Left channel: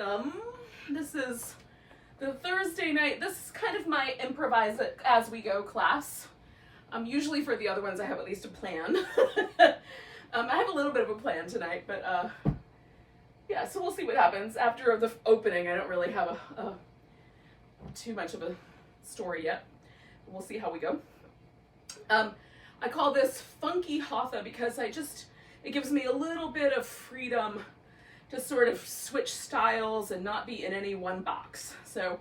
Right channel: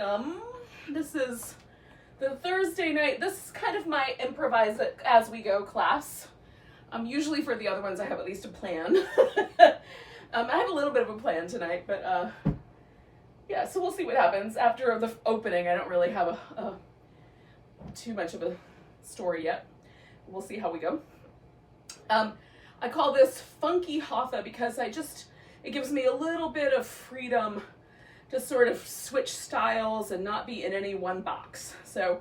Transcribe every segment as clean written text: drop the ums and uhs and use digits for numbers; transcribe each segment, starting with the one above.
welcome. This is the Thursday night. This is kind of my improvise it as we go class. Usually for the other ones I have at least a plan. I have a little bit of a plan tonight, but yeah, so we'll see what happens. After the opening, I don't really have too much of a story yet. We'll see how we go. I call this Funky Hatha because it gives me a little bit of freedom to sort of switch styles and not be in any one box. So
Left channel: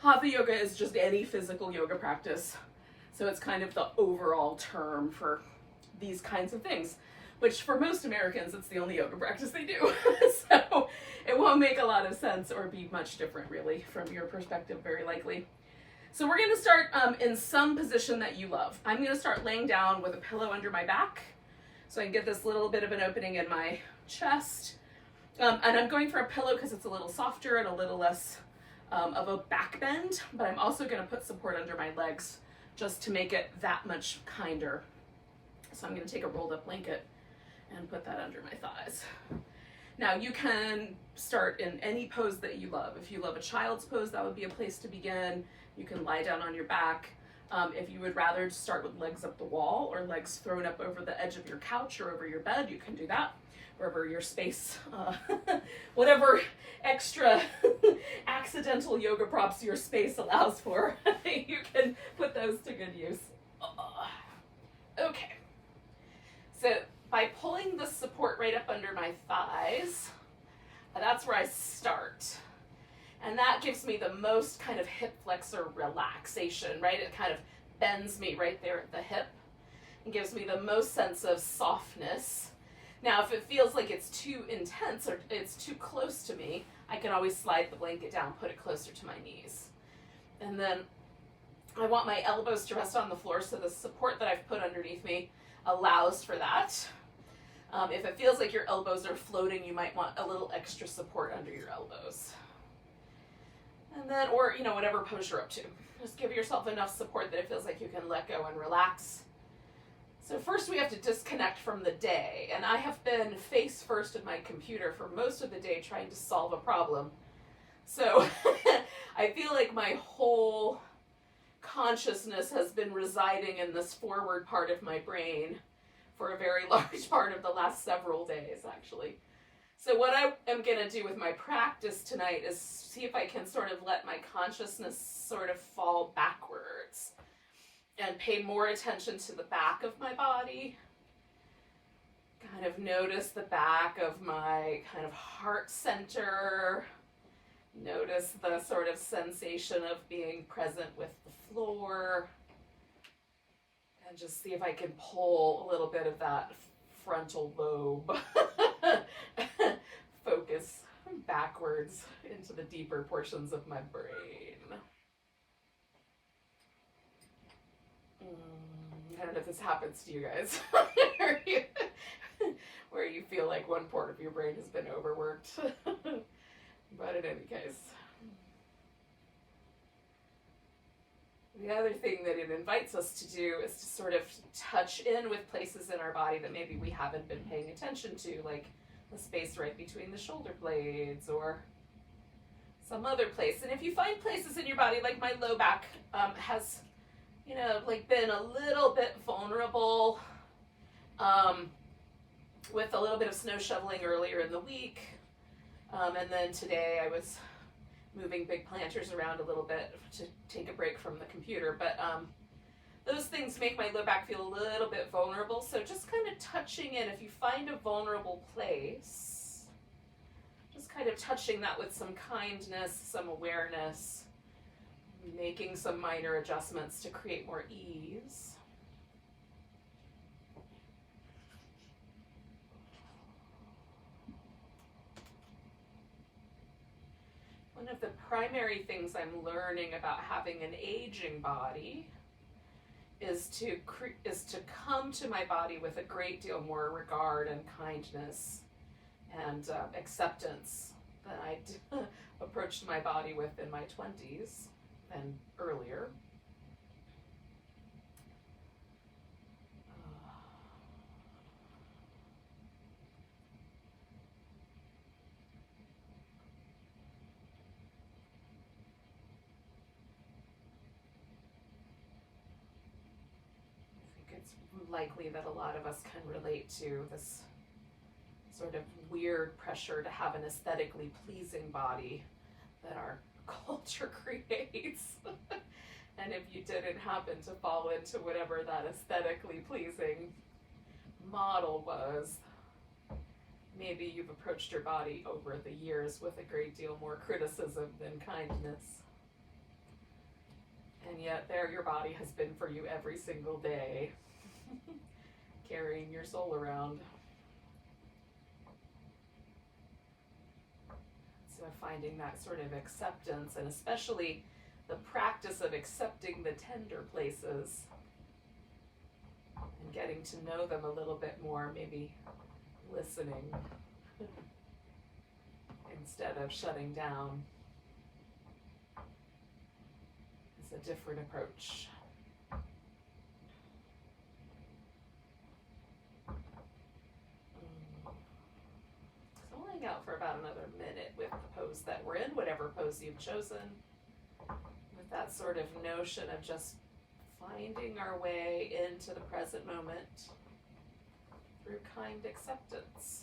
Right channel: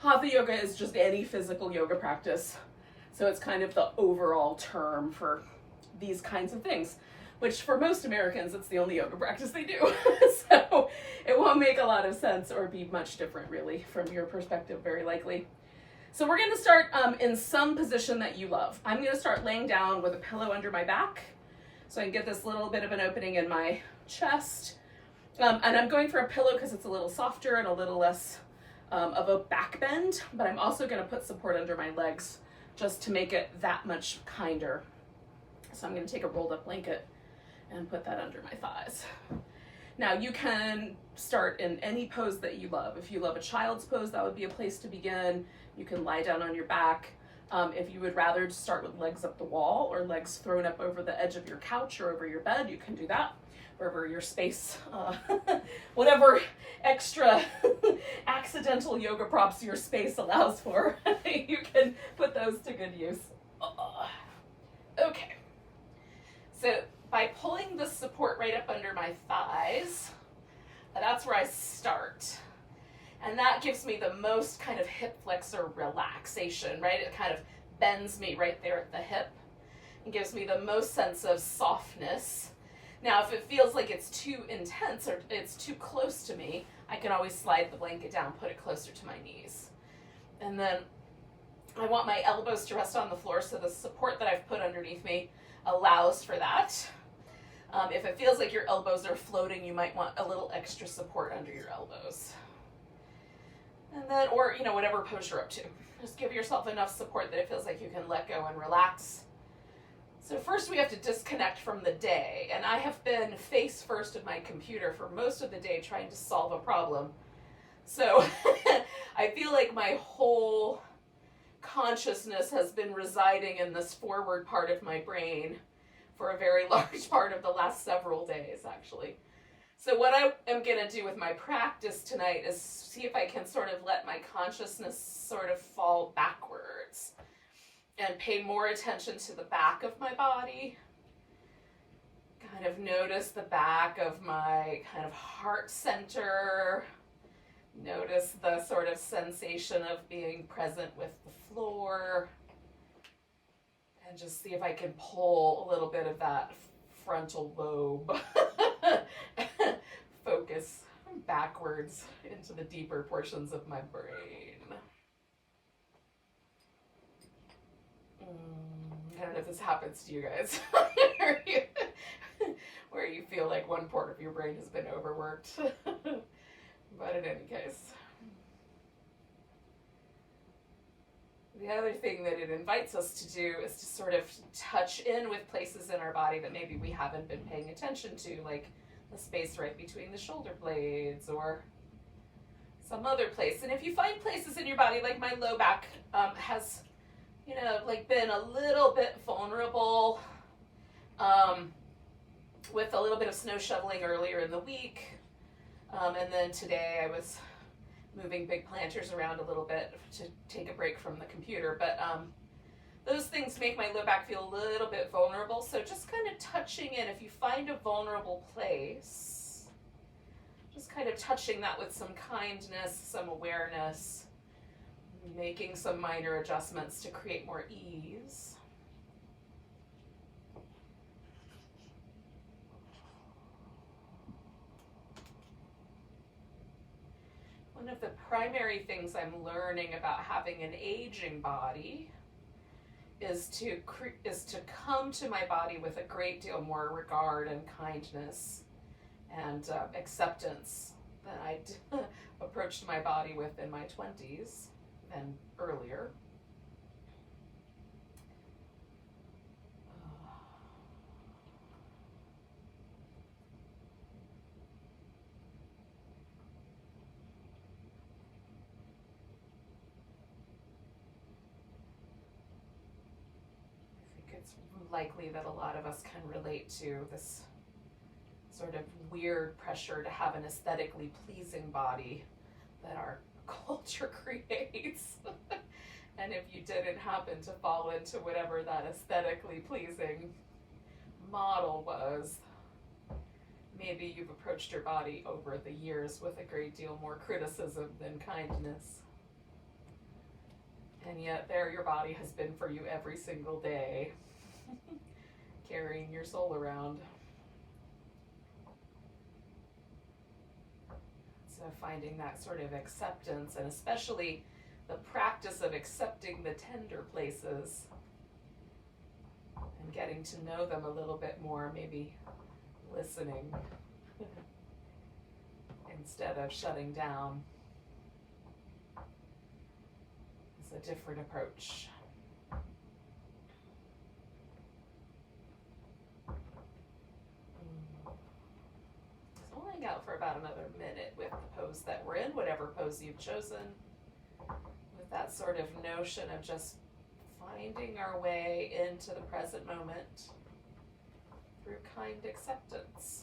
Hatha yoga is just any physical yoga practice. So it's kind of the overall term for these kinds of things, which for most Americans, it's the only yoga practice they do. So it won't make a lot of sense or be much different really from your perspective, very likely. So we're gonna start in some position that you love. I'm gonna start laying down with a pillow under my back so I can get this little bit of an opening in my chest. And I'm going for a pillow because it's a little softer and a little less of a back bend, but I'm also gonna put support under my legs just to make it that much kinder. So I'm gonna take a rolled up blanket and put that under my thighs. Now you can start in any pose that you love. If you love a child's pose, that would be a place to begin. You can lie down on your back. If you would rather start with legs up the wall or legs thrown up over the edge of your couch or over your bed, you can do that. Wherever your space, whatever extra accidental yoga props your space allows for, you can put those to good use. Okay. So by pulling the support right up under my thighs, that's where I start. And that gives me the most kind of hip flexor relaxation, right? It kind of bends me right there at the hip and gives me the most sense of softness. Now, if it feels like it's too intense or it's too close to me, I can always slide the blanket down, put it closer to my knees. And then I want my elbows to rest on the floor so the support that I've put underneath me allows for that. If it feels like your elbows are floating, you might want a little extra support under your elbows. And then, or, whatever pose you're up to. Just give yourself enough support that it feels like you can let go and relax. So first we have to disconnect from the day. And I have been face first at my computer for most of the day trying to solve a problem. So I feel like my whole consciousness has been residing in this forward part of my brain for a very large part of the last several days, actually. So what I am going to do with my practice tonight is see if I can sort of let my consciousness sort of fall backwards and pay more attention to the back of my body. Kind of notice the back of my kind of heart center. Notice the sort of sensation of being present with the floor. And just see if I can pull a little bit of that frontal lobe focus backwards into the deeper portions of my brain. I don't know if this happens to you guys, where you feel like one part of your brain has been overworked. But in any case. The other thing that it invites us to do is to sort of touch in with places in our body that maybe we haven't been paying attention to, like the space right between the shoulder blades or some other place. And if you find places in your body, like my low back has, been a little bit vulnerable with a little bit of snow shoveling earlier in the week. And then today I was moving big planters around a little bit to take a break from the computer. But those things make my low back feel a little bit vulnerable. So just kind of touching in, if you find a vulnerable place, just kind of touching that with some kindness, some awareness, making some minor adjustments to create more ease. One of the primary things I'm learning about having an aging body is to come to my body with a great deal more regard and kindness and acceptance than I approached my body with in my 20s and earlier. it's likely that a lot of us can relate to this sort of weird pressure to have an aesthetically pleasing body that our culture creates. And if you didn't happen to fall into whatever that aesthetically pleasing model was, maybe you've approached your body over the years with a great deal more criticism than kindness. And yet there your body has been for you every single day, carrying your soul around. So finding that sort of acceptance, and especially the practice of accepting the tender places and getting to know them a little bit more, maybe listening instead of shutting down, is a different approach. So we'll hang out for about another minute with the pose that we're in, whatever pose you've chosen, with that sort of notion of just finding our way into the present moment through kind acceptance.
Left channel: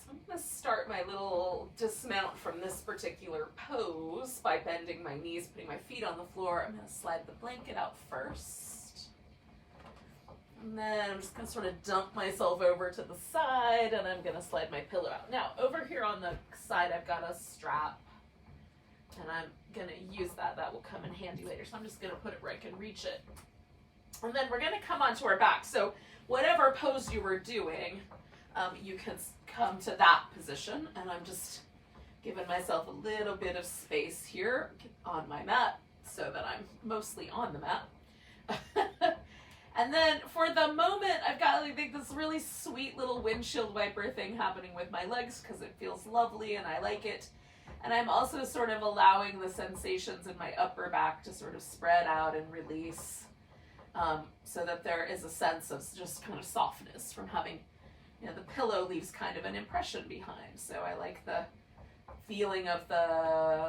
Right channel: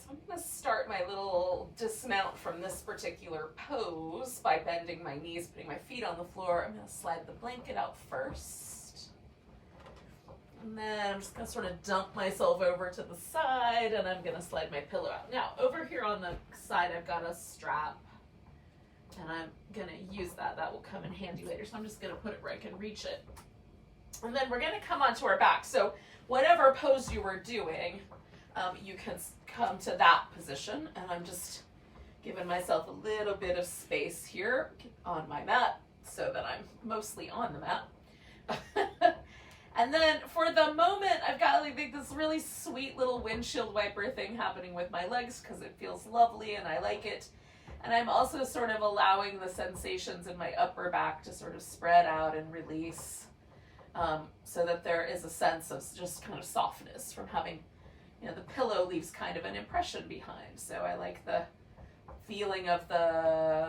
So I'm going to start my little dismount from this particular pose by bending my knees, putting my feet on the floor. I'm going to slide the blanket out first. And then I'm just going to sort of dump myself over to the side, and I'm going to slide my pillow out. Now, over here on the side, I've got a strap, and I'm going to use that. That will come in handy later. So I'm just going to put it where I can reach it. And then we're going to come onto our back. So whatever pose you were doing, you can come to that position, and I'm just giving myself a little bit of space here on my mat so that I'm mostly on the mat. And then for the moment, I've got like this really sweet little windshield wiper thing happening with my legs because it feels lovely and I like it. And I'm also sort of allowing the sensations in my upper back to sort of spread out and release, so that there is a sense of just kind of softness from having, you know, the pillow leaves kind of an impression behind. So I like the feeling of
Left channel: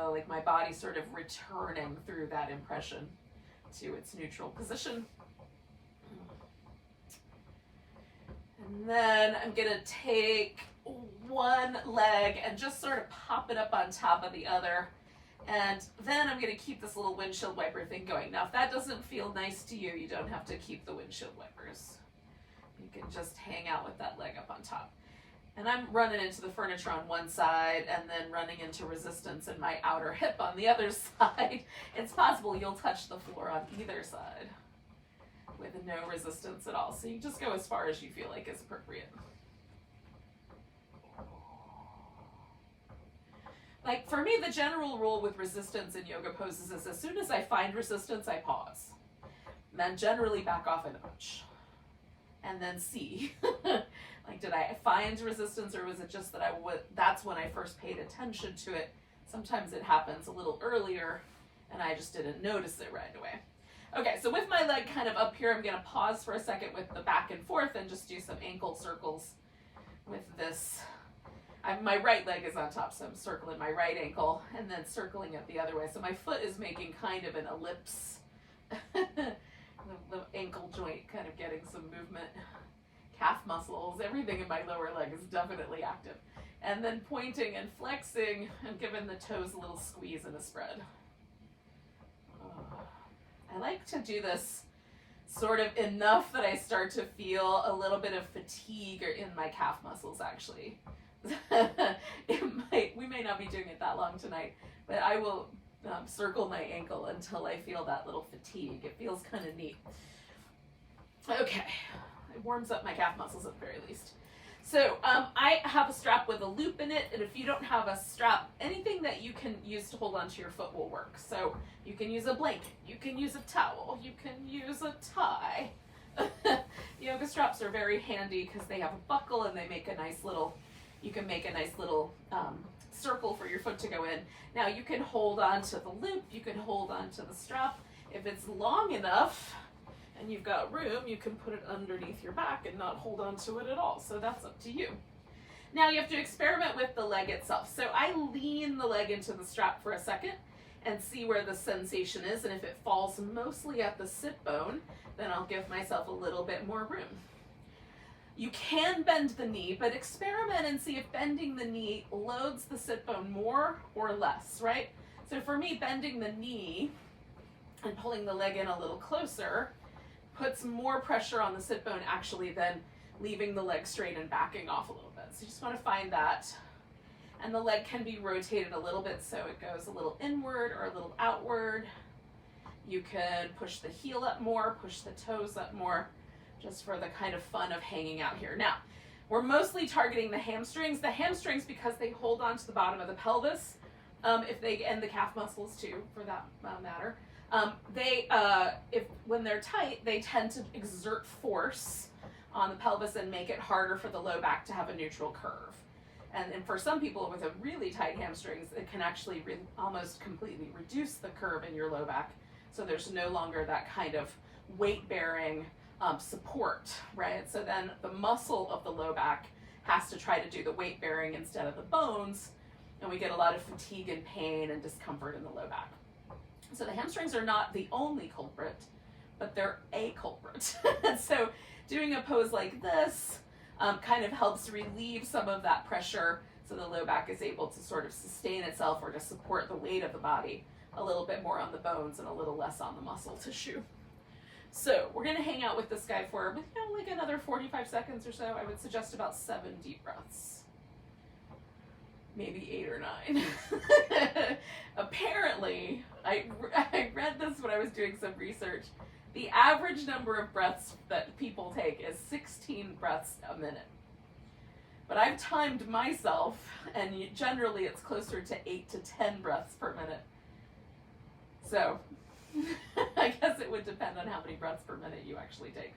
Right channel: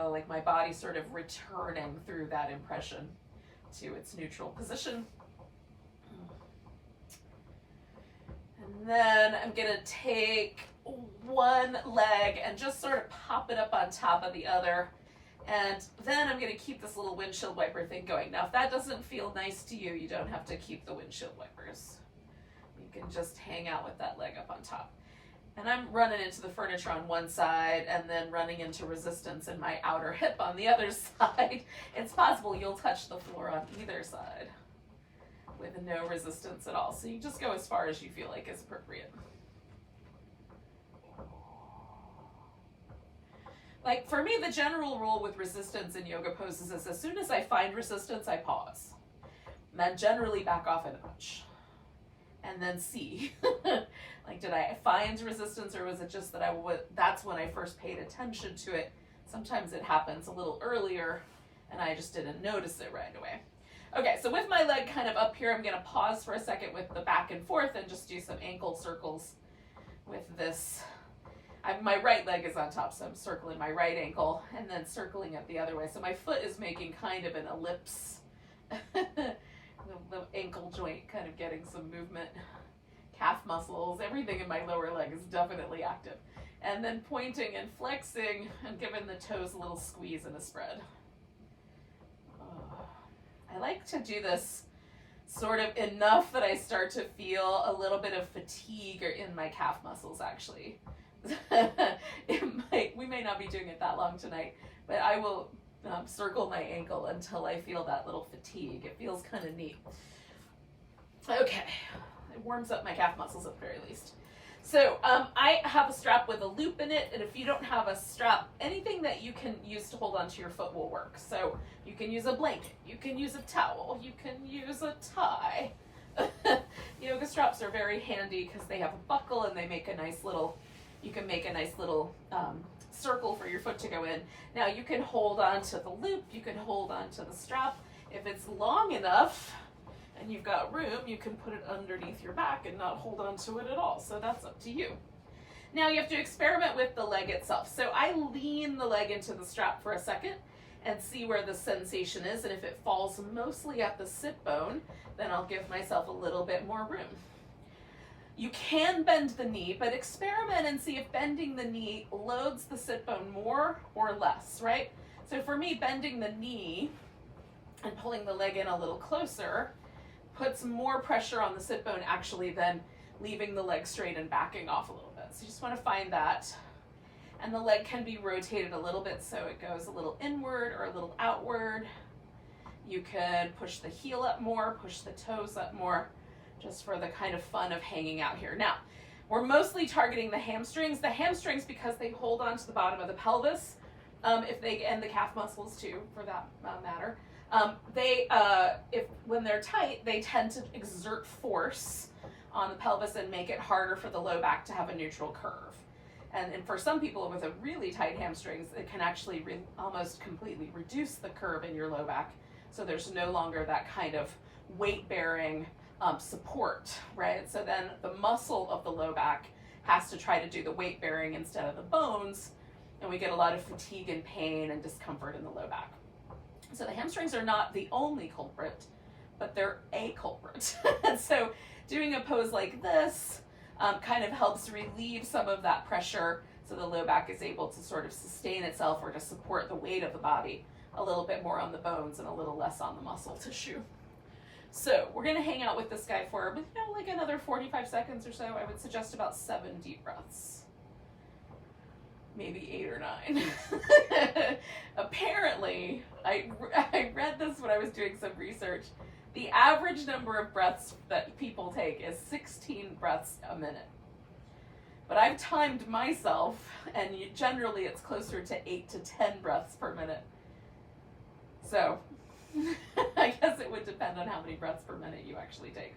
like my body sort of returning through that impression to its neutral position. And then I'm gonna take one leg and just sort of pop it up on top of the other. And then I'm gonna keep this little windshield wiper thing going. Now, if that doesn't feel nice to you, you don't have to keep the windshield wipers. You can just hang out with that leg up on top. And I'm running into the furniture on one side and then running into resistance in my outer hip on the other side. It's possible you'll touch the floor on either side with no resistance at all. So you just go as far as you feel like is appropriate. Like for me, the general rule with resistance in yoga poses is as soon as I find resistance, I pause. And then generally back off a notch. And then see, like, did I find resistance, or was it just that that's when I first paid attention to it? Sometimes it happens a little earlier and I just didn't notice it right away. Okay, so with my leg kind of up here, I'm gonna pause for a second with the back and forth and just do some ankle circles with this. my right leg is on top, so I'm circling my right ankle and then circling it the other way. So my foot is making kind of an ellipse. The ankle joint kind of getting some movement. Calf muscles, everything in my lower leg is definitely active. And then pointing and flexing and giving the toes a little squeeze and a spread. I like to do this sort of enough that I start to feel a little bit of fatigue in my calf muscles, actually. We may not be doing it that long tonight, but I will circle my ankle until I feel that little fatigue. It feels kind of neat. Okay, it warms up my calf muscles at the very least. So I have a strap with a loop in it, and if you don't have a strap, anything that you can use to hold onto your foot will work. So you can use a blanket, you can use a towel, you can use a tie. Yoga straps are very handy because they have a buckle and they make a nice little, you can make a nice little circle for your foot to go in. Now you can hold on to the loop, you can hold on to the strap. If it's long enough, and you've got room, you can put it underneath your back and not hold on to it at all. So that's up to you. Now you have to experiment with the leg itself. So I lean the leg into the strap for a second and see where the sensation is. And if it falls mostly at the sit bone, then I'll give myself a little bit more room. You can bend the knee, but experiment and see if bending the knee loads the sit bone more or less, right? So for me, bending the knee and pulling the leg in a little closer puts more pressure on the sit bone actually than leaving the leg straight and backing off a little bit. So you just want to find that. And the leg can be rotated a little bit so it goes a little inward or a little outward. You can push the heel up more, push the toes up more, just for the kind of fun of hanging out here. Now, we're mostly targeting the hamstrings. The hamstrings, because they hold on to the bottom of the pelvis, and the calf muscles too, for that matter. When they're tight, they tend to exert force on the pelvis and make it harder for the low back to have a neutral curve. And for some people with a really tight hamstrings, it can actually almost completely reduce the curve in your low back. So there's no longer that kind of weight-bearing support, right? So then the muscle of the low back has to try to do the weight-bearing instead of the bones, and we get a lot of fatigue and pain and discomfort in the low back. So the hamstrings are not the only culprit, but they're a culprit. And so doing a pose like this kind of helps relieve some of that pressure so the low back is able to sort of sustain itself or to support the weight of the body a little bit more on the bones and a little less on the muscle tissue. So we're going to hang out with this guy for like another 45 seconds or so. I would suggest about 7 deep breaths. Maybe 8 or 9. Apparently, I read this when I was doing some research. The average number of breaths that people take is 16 breaths a minute. But I've timed myself, and generally it's closer to 8 to 10 breaths per minute. So I guess it would depend on how many breaths per minute you actually take.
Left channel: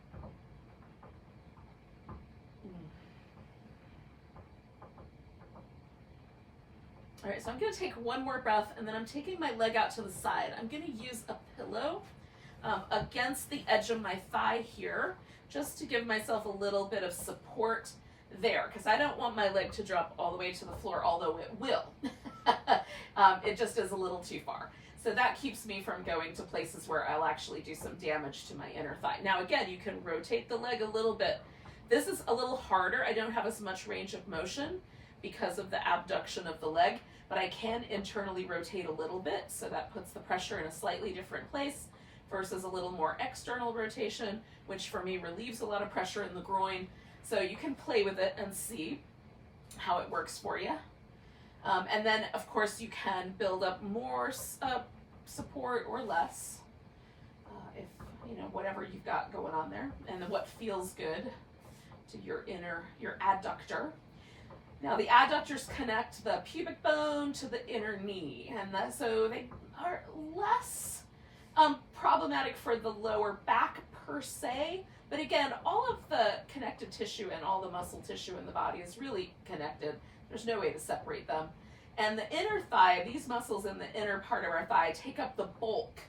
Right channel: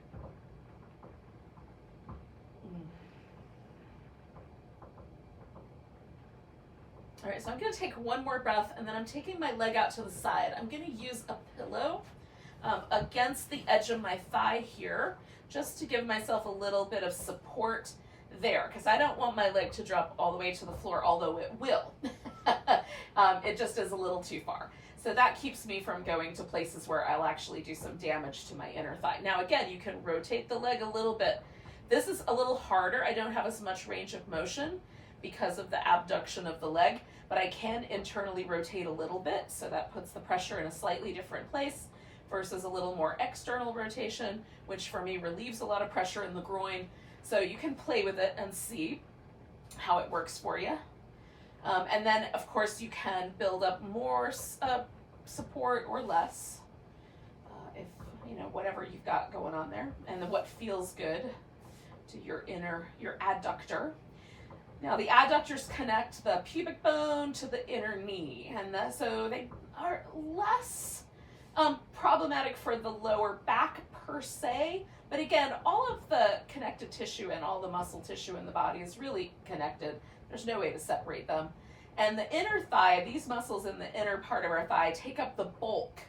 All right, so I'm gonna take one more breath, and then I'm taking my leg out to the side. I'm gonna use a pillow against the edge of my thigh here, just to give myself a little bit of support there, because I don't want my leg to drop all the way to the floor, although it will. It just is a little too far. So that keeps me from going to places where I'll actually do some damage to my inner thigh. Now again, you can rotate the leg a little bit. This is a little harder. I don't have as much range of motion because of the abduction of the leg, but I can internally rotate a little bit, so that puts the pressure in a slightly different place versus a little more external rotation, which for me relieves a lot of pressure in the groin. So you can play with it and see how it works for you. And then of course you can build up more support or less, if whatever you've got going on there, and then what feels good to your adductor. Now the adductors connect the pubic bone to the inner knee, and so they are less problematic for the lower back per se, but again, all of the connective tissue and all the muscle tissue in the body is really connected. There's no way to separate them. And the inner thigh, these muscles in the inner part of our thigh take up the bulk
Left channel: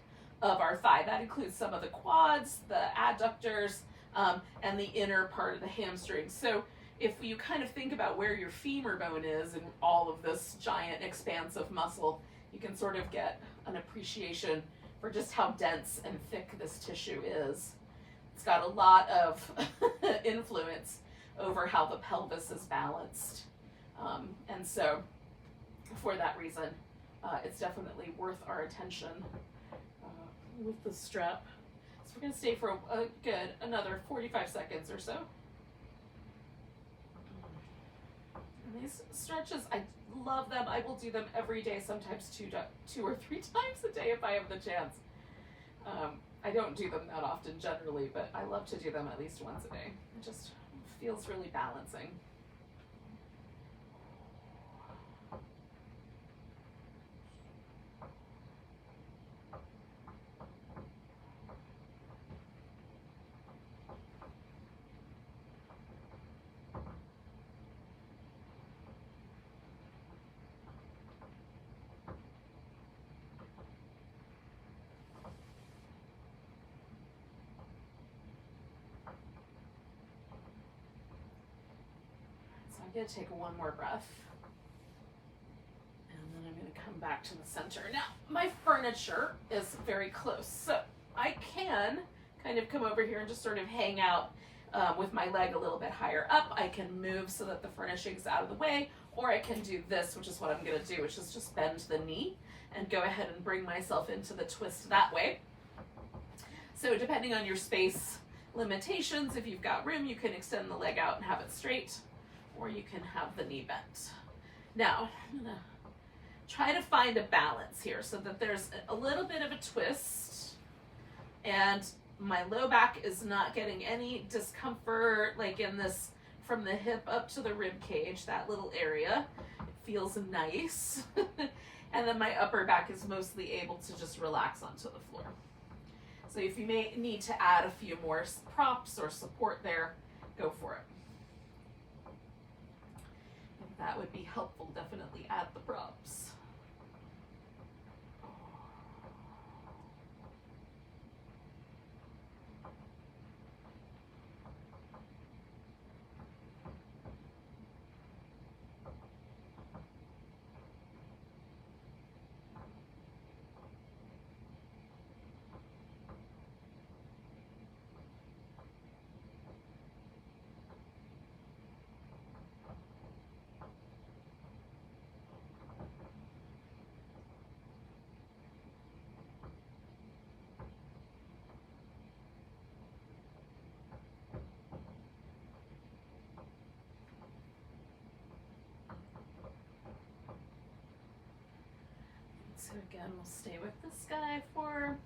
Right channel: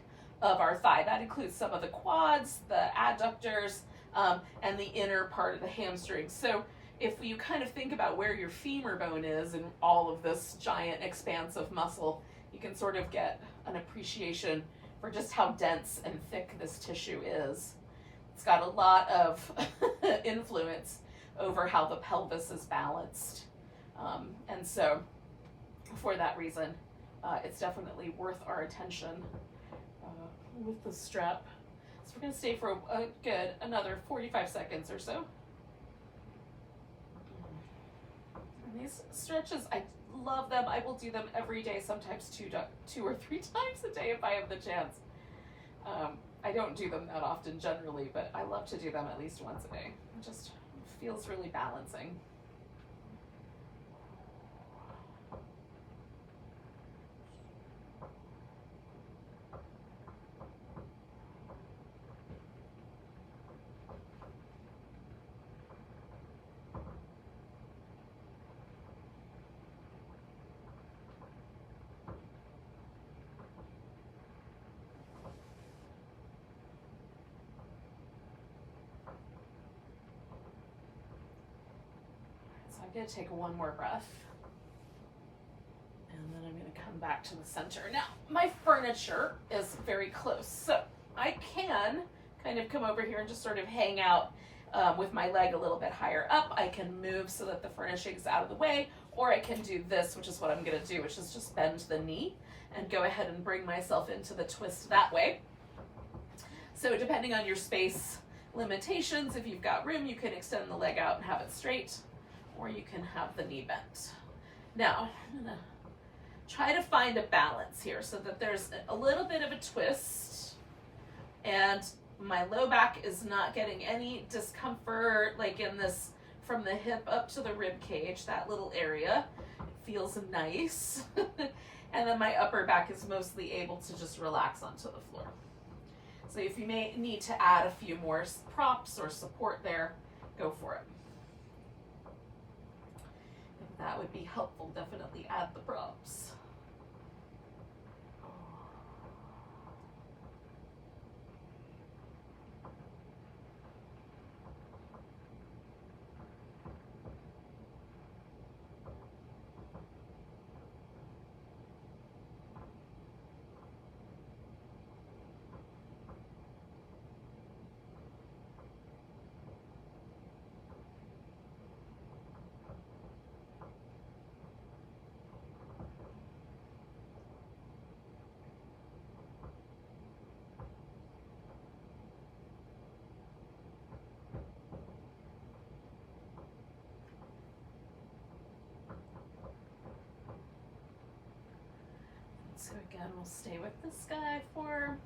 of our thigh. That includes some of the quads, the adductors, and the inner part of the hamstrings. So if you kind of think about where your femur bone is and all of this giant expanse of muscle, you can sort of get an appreciation for just how dense and thick this tissue is. It's got a lot of influence over how the pelvis is balanced. And so for that reason, it's definitely worth our attention with the strap. So we're gonna stay for a good another 45 seconds or so. And these stretches, I love them. I will do them every day, sometimes two or three times a day if I have the chance. I don't do them that often generally, but I love to do them at least once a day. It just feels really balancing. I'm going to take one more breath, and then I'm going to come back to the center. Now, my furniture is very close, so I can kind of come over here and just sort of hang out with my leg a little bit higher up. I can move so that the furnishing's out of the way, or I can do this, which is what I'm going to do, which is just bend the knee and go ahead and bring myself into the twist that way. So depending on your space limitations, if you've got room, you can extend the leg out and have it straight, or you can have the knee bent. Now, I'm gonna try to find a balance here so that there's a little bit of a twist and my low back is not getting any discomfort, like in this, from the hip up to the rib cage, that little area. It feels nice. And then my upper back is mostly able to just relax onto the floor. So if you may need to add a few more props or support there, go for it. That would be helpful. Definitely add the props. So again, we'll stay with this guy for,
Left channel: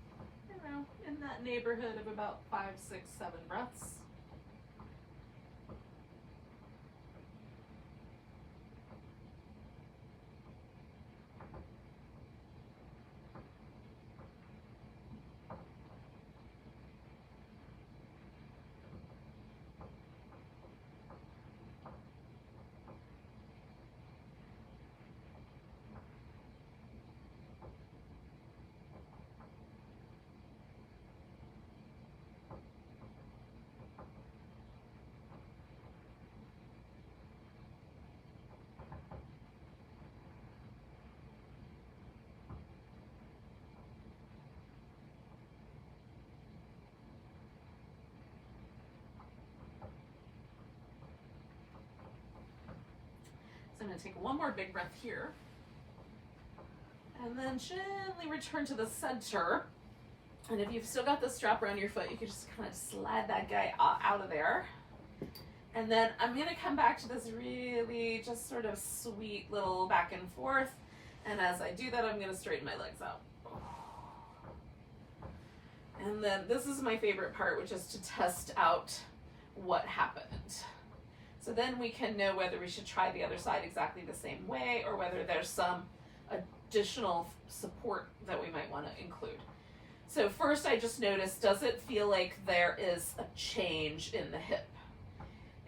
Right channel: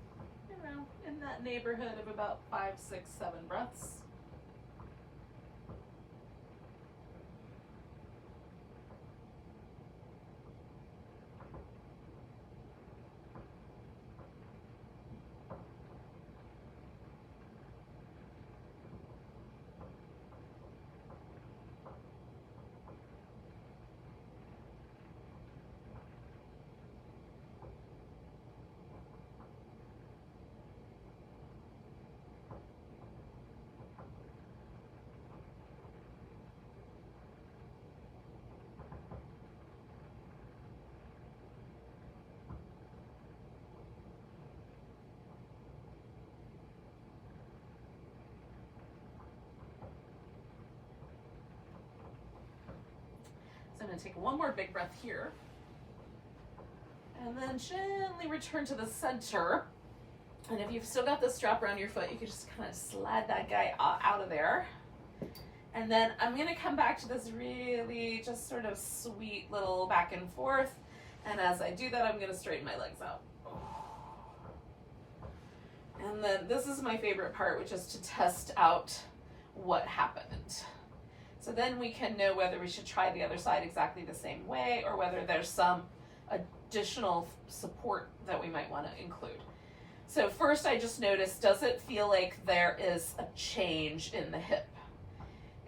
in that neighborhood of about 5, 6, 7 breaths. So I'm going to take one more big breath here. And then gently return to the center. And if you've still got the strap around your foot, you can just kind of slide that guy out of there. And then I'm going to come back to this really just sort of sweet little back and forth. And as I do that, I'm going to straighten my legs out. And then this is my favorite part, which is to test out what happened. So then we can know whether we should try the other side exactly the same way or whether there's some additional support that we might want to include. So first I just noticed, does it feel like there is a change in the hip?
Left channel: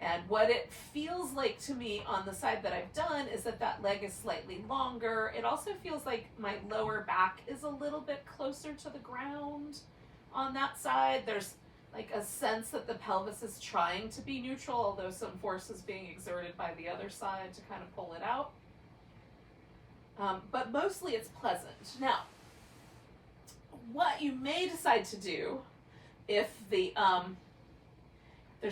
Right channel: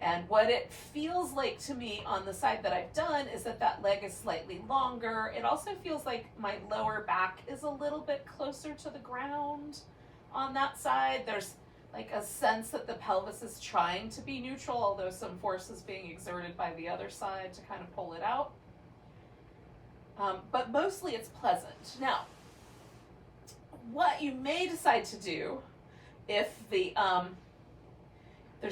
And what it feels like to me on the side that I've done is that that leg is slightly longer. It also feels like my lower back is a little bit closer to the ground on that side. There's like a sense that the pelvis is trying to be neutral, although some force is being exerted by the other side to kind of pull it out. But mostly it's pleasant. Now, what you may decide to do if there's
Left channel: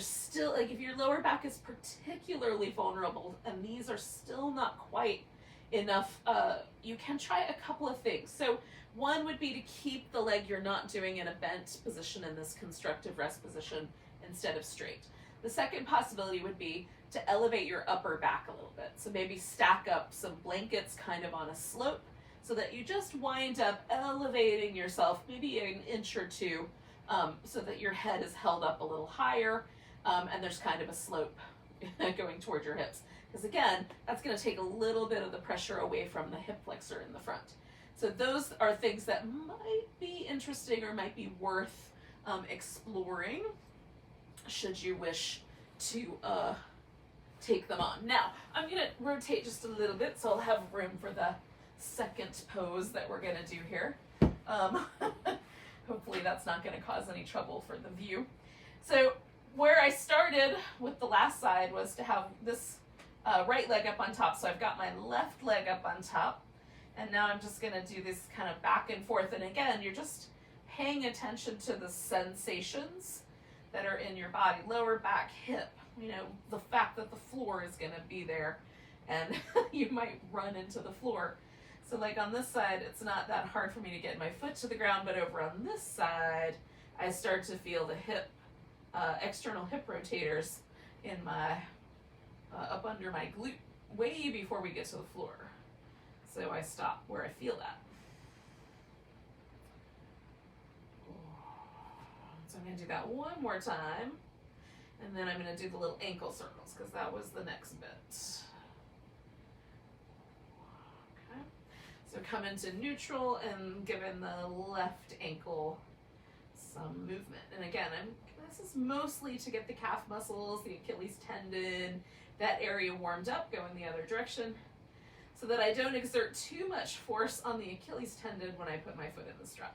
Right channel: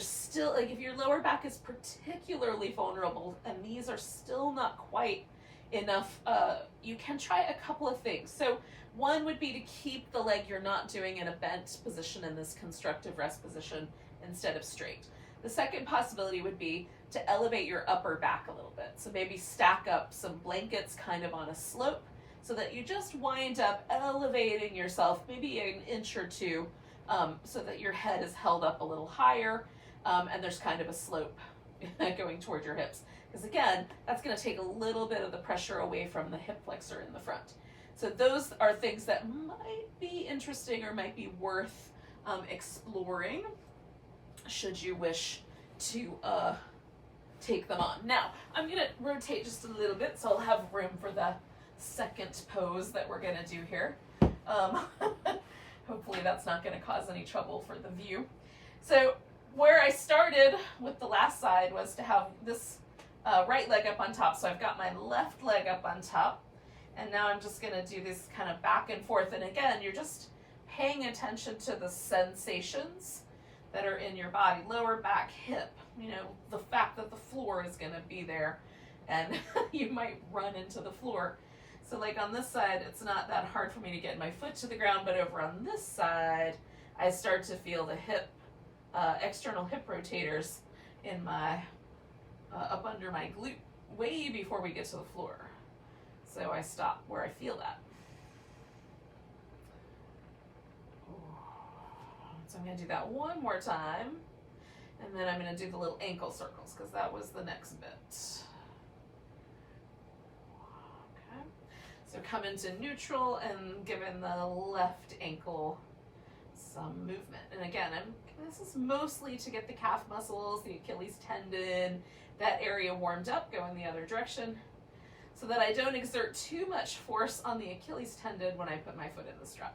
still, like if your lower back is particularly vulnerable and these are still not quite enough, you can try a couple of things. So one would be to keep the leg you're not doing in a bent position in this constructive rest position instead of straight. The second possibility would be to elevate your upper back a little bit. So maybe stack up some blankets kind of on a slope so that you just wind up elevating yourself maybe an inch or two, so that your head is held up a little higher, and there's kind of a slope going toward your hips. Because again, that's going to take a little bit of the pressure away from the hip flexor in the front. So those are things that might be interesting or might be worth exploring should you wish to take them on. Now, I'm going to rotate just a little bit so I'll have room for the second pose that we're going to do here. Hopefully that's not going to cause any trouble for the view. So where I started with the last side was to have this right leg up on top. So I've got my left leg up on top, and now I'm just going to do this kind of back and forth. And again, you're just paying attention to the sensations that are in your body, lower back, hip, you know, the fact that the floor is going to be there and you might run into the floor. So like on this side, it's not that hard for me to get my foot to the ground, but over on this side, I start to feel the hip, external hip rotators in my, up under my glute way before we get to the floor. So I stop where I feel that. So I'm going to do that one more time, and then I'm going to do the little ankle circles because that was the next bit. Okay. So come into neutral and giving the left ankle some movement. And again, this is mostly to get the calf muscles, the Achilles tendon, that area warmed up, going the other direction, so that I don't exert too much force on the Achilles tendon when I put my foot in the strap.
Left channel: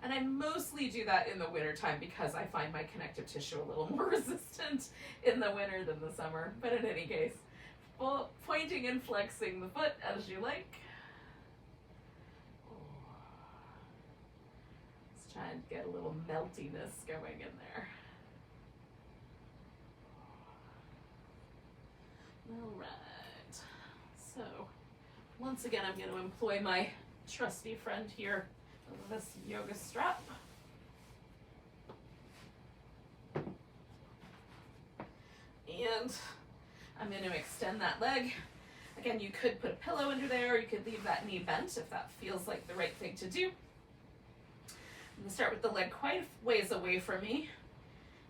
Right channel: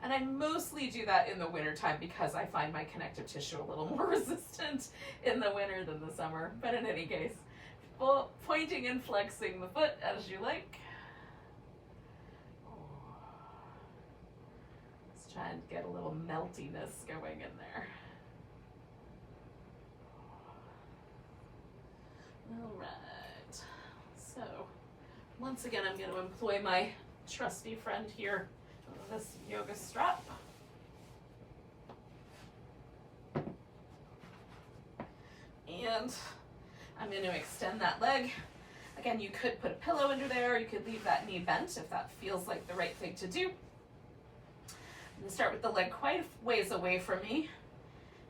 And I mostly do that in the winter time because I find my connective tissue a little more resistant in the winter than the summer. But in any case, pointing and flexing the foot as you like. Let's try and get a little meltiness going in there. All right. So once again, I'm going to employ my trusty friend here, this yoga strap. And I'm going to extend that leg. Again, you could put a pillow under there. You could leave that knee bent if that feels like the right thing to do. I'm going to start with the leg quite a ways away from me,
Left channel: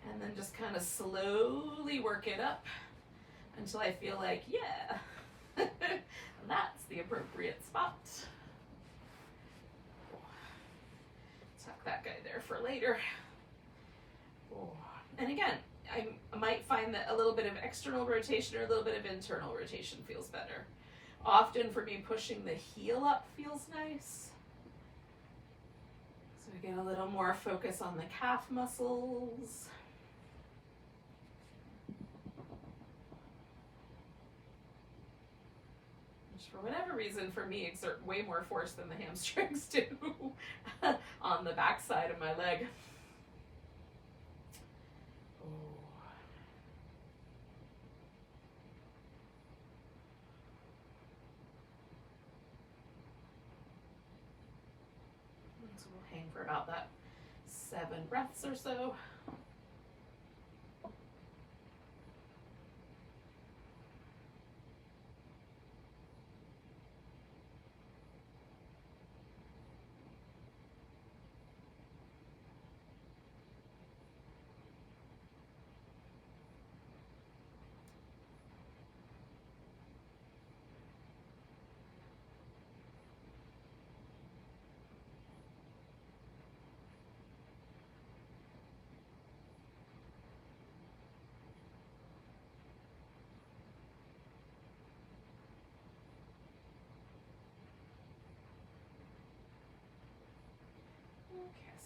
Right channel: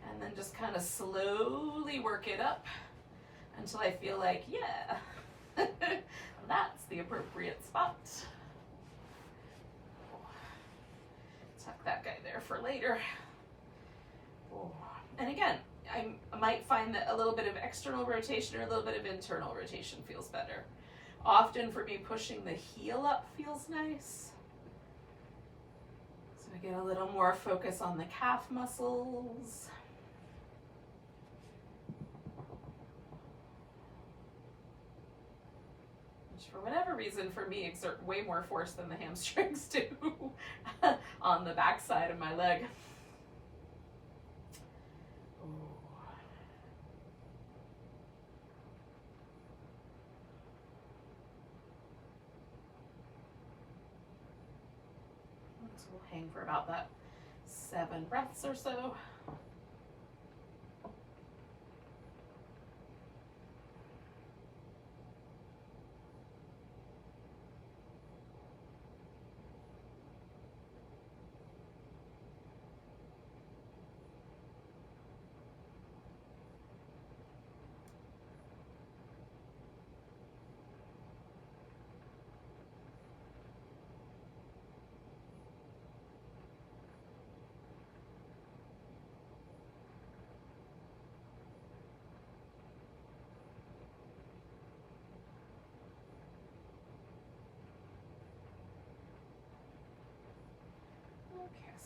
and then just kind of slowly work it up until I feel like, yeah, that's the appropriate spot. Tuck that guy there for later. And again, I might find that a little bit of external rotation or a little bit of internal rotation feels better. Often for me, pushing the heel up feels nice. So I get a little more focus on the calf muscles. Which for whatever reason for me exert way more force than the hamstrings do on the back side of my leg. So we'll hang for about that 7 breaths or so.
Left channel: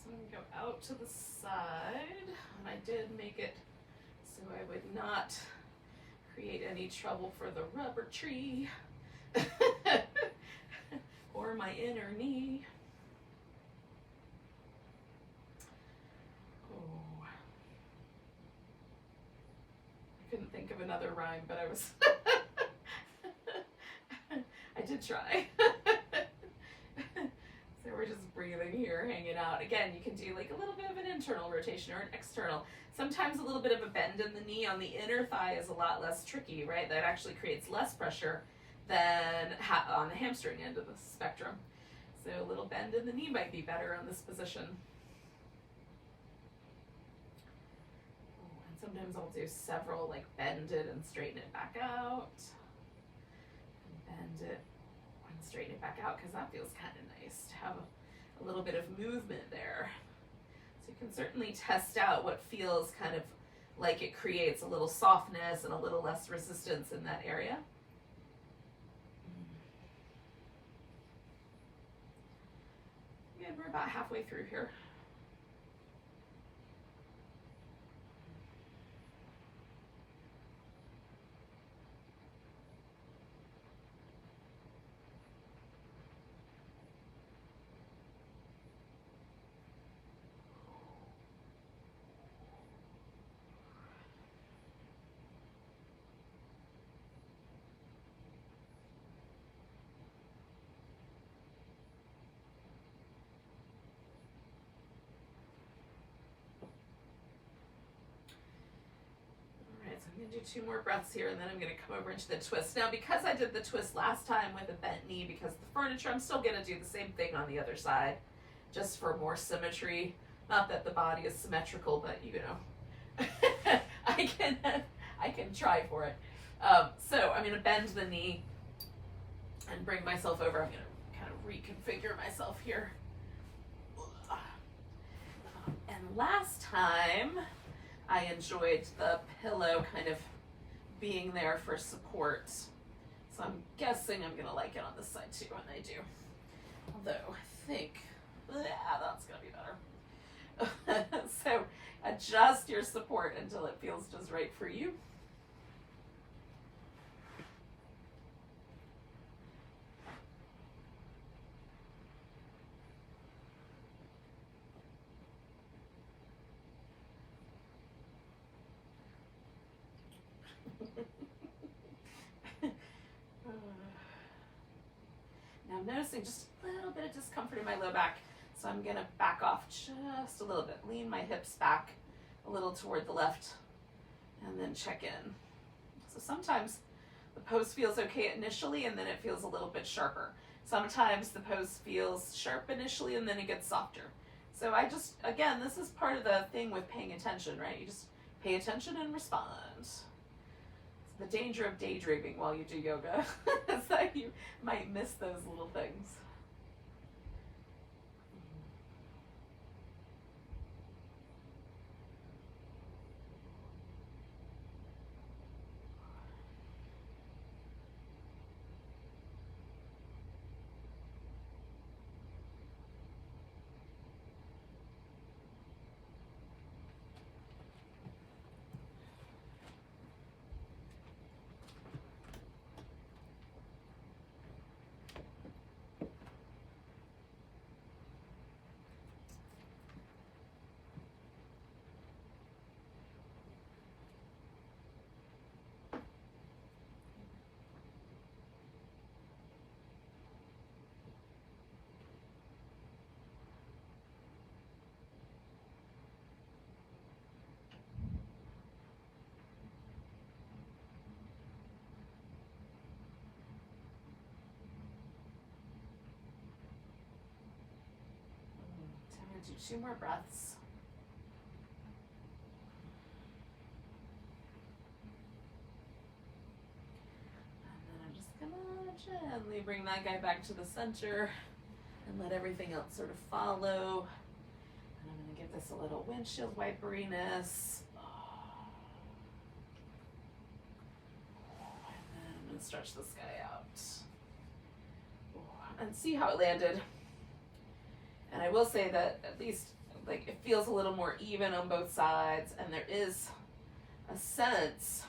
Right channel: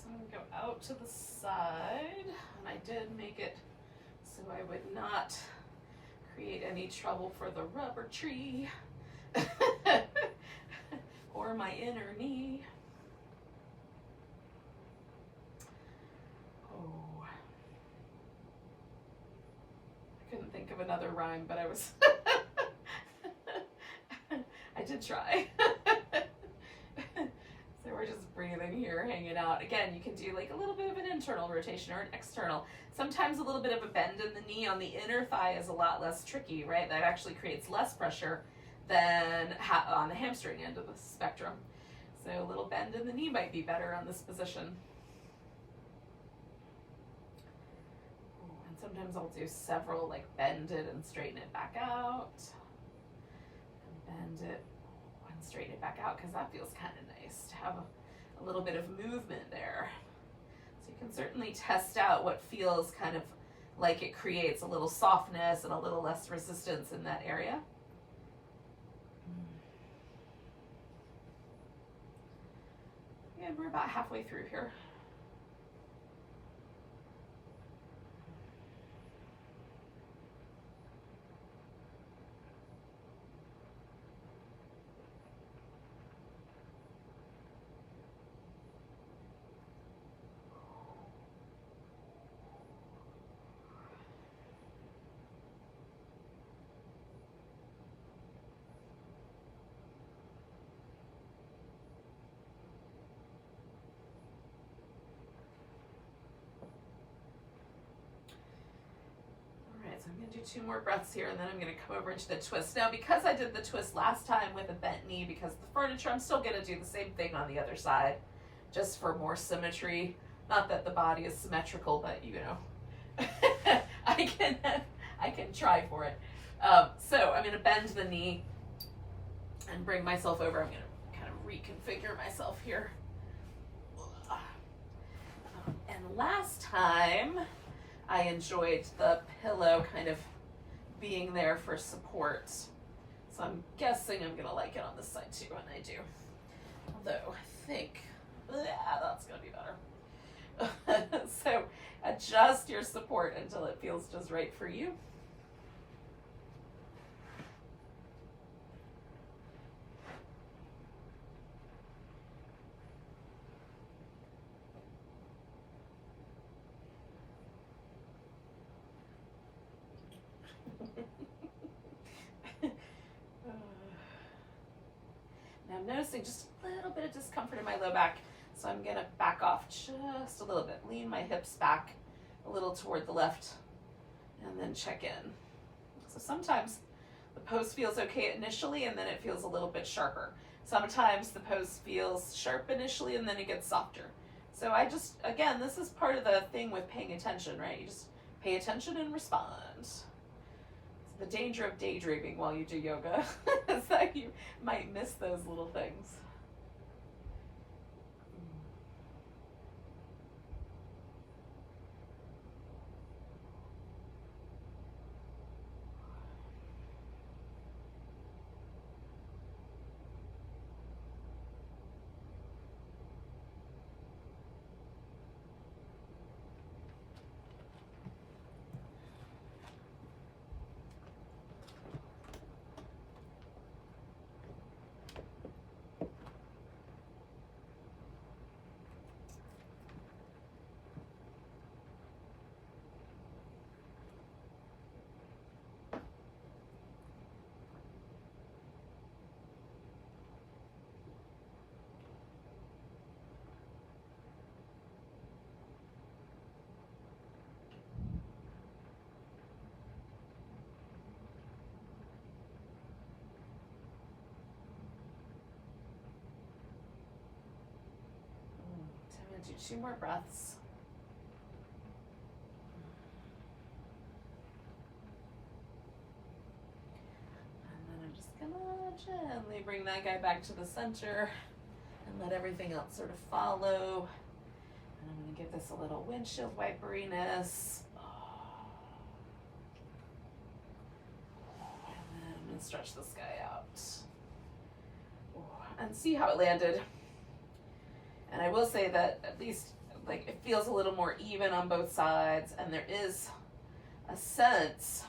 So I'm gonna go out to the side, and I did make it so I would not create any trouble for the rubber tree or my inner knee. Oh, I couldn't think of another rhyme, but I was I did try. So we're just breathing here, hanging out. Again, you can do like a little bit of an internal rotation or an external. Sometimes a little bit of a bend in the knee on the inner thigh is a lot less tricky, right? That actually creates less pressure than on the hamstring end of the spectrum. So a little bend in the knee might be better on this position. And sometimes I'll do several, like bend it and straighten it back out. And bend it and straighten it back out, because that feels kind of nice to have a little bit of movement there. So you can certainly test out what feels kind of like it creates a little softness and a little less resistance in that area. And we're about halfway through here. So I'm going to do 2 more breaths here, and then I'm going to come over into the twist. Now, because I did the twist last time with a bent knee because of the furniture, I'm still going to do the same thing on the other side, just for more symmetry. Not that the body is symmetrical, but you know, I can try for it. So I'm going to bend the knee and bring myself over. I'm going to kind of reconfigure myself here. And last time, I enjoyed the pillow kind of being there for support. So I'm guessing I'm gonna like it on this side too, and I do. Although I think, yeah, that's gonna be better. So adjust your support until it feels just right for you. Now I'm noticing just a little bit of discomfort in my low back, so I'm gonna back off just a little bit, lean my hips back a little toward the left, and then check in. So sometimes the pose feels okay initially, and then it feels a little bit sharper. Sometimes the pose feels sharp initially, and then it gets softer. So I just, again, this is part of the thing with paying attention, right? You just pay attention and respond. The danger of daydreaming while you do yoga is that you might miss those little things. Do 2 more breaths. And then I'm just gonna gently bring that guy back to the center and let everything else sort of follow. And I'm gonna give this a little windshield wiperiness. And then I'm gonna stretch this guy out. And see how it landed. And I will say that at least like it feels a little more even on both sides, and there is a sense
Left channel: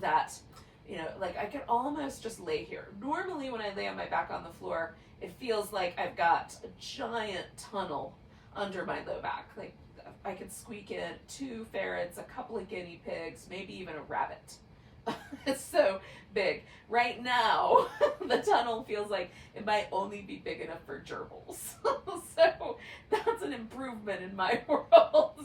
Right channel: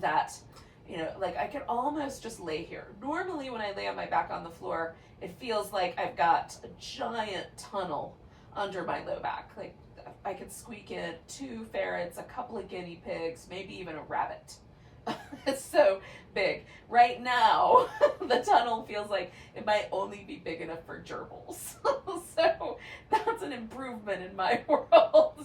that, you know, like I could almost just lay here. Normally when I lay on my back on the floor, it feels like I've got a giant tunnel under my low back. Like I could squeak in 2 ferrets, a couple of guinea pigs, maybe even a rabbit. It's so big. Right now, the tunnel feels like it might only be big enough for gerbils. So that's an improvement in my world.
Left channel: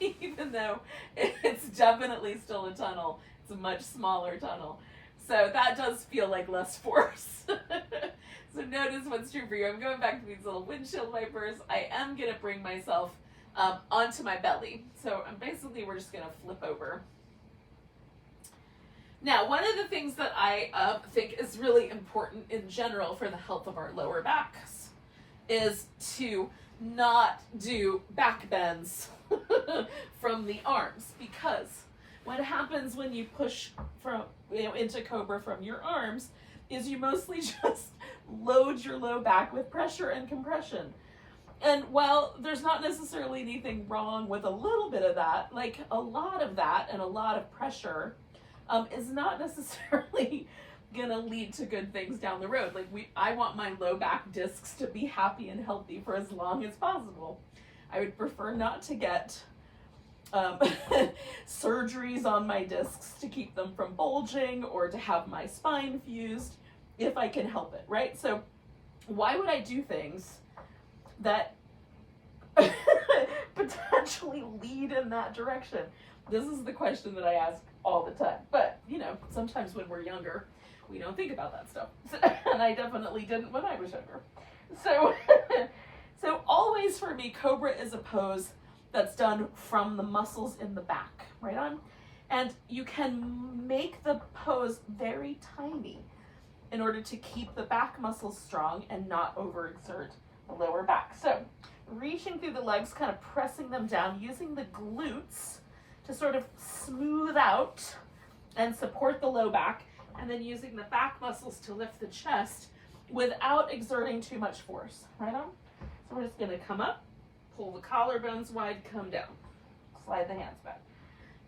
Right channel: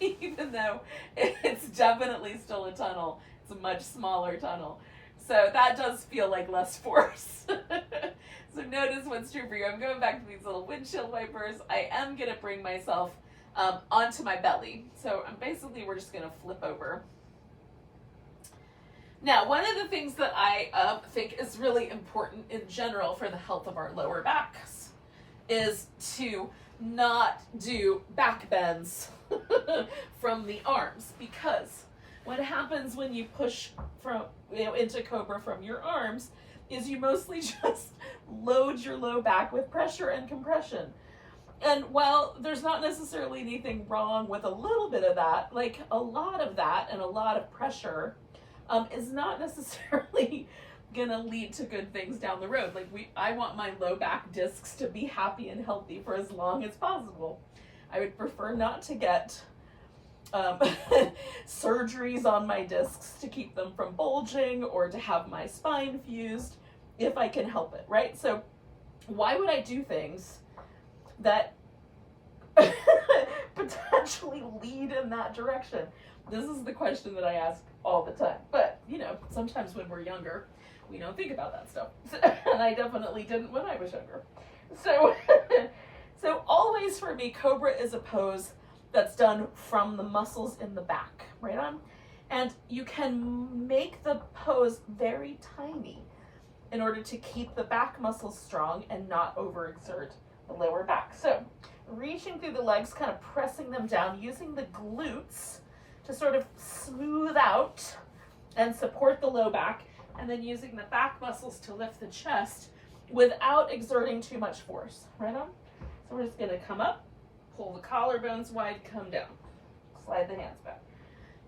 Even though it's definitely still a tunnel, it's a much smaller tunnel. So that does feel like less force. So notice what's true for you. I'm going back to these little windshield wipers. I am going to bring myself onto my belly. So we're just going to flip over. Now, one of the things that I think is really important in general for the health of our lower backs is to not do back bends from the arms, because what happens when you push from, you know, into cobra from your arms is you mostly just load your low back with pressure and compression. And while there's not necessarily anything wrong with a little bit of that, like a lot of that and a lot of pressure is not necessarily gonna lead to good things down the road. Like I want my low back discs to be happy and healthy for as long as possible. I would prefer not to get surgeries on my discs to keep them from bulging or to have my spine fused if I can help it, right? So why would I do things that potentially lead in that direction? This is the question that I ask all the time. But, you know, sometimes when we're younger, we don't think about that stuff. And I definitely didn't when I was younger. So, so always for me, cobra is a pose that's done from the muscles in the back, right on? And you can make the pose very tiny in order to keep the back muscles strong and not overexert the lower back. So reaching through the legs, kind of pressing them down, using the glutes to sort of smooth out and support the low back, and then using the back muscles to lift the chest without exerting too much force, right on? So we're just gonna come up, pull the collarbones wide, come down. Slide the hands back.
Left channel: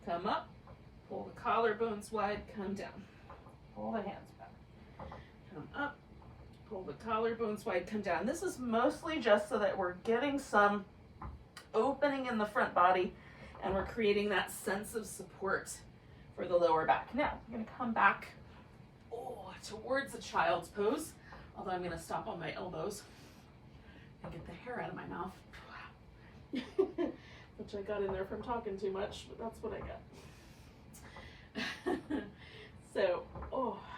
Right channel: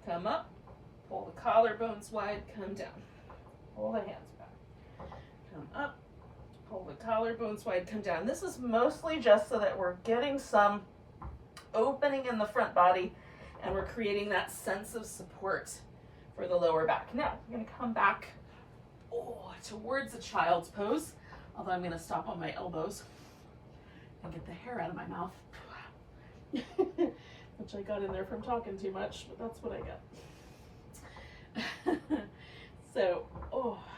Come up, pull the collarbones wide, come down. Pull the hands back. Come up, pull the collarbones wide, come down. This is mostly just so that we're getting some opening in the front body and we're creating that sense of support for the lower back. Now, I'm gonna come back towards a child's pose, although I'm gonna stop on my elbows and get the hair out of my mouth. Which I got in there from talking too much, but that's what I got. So,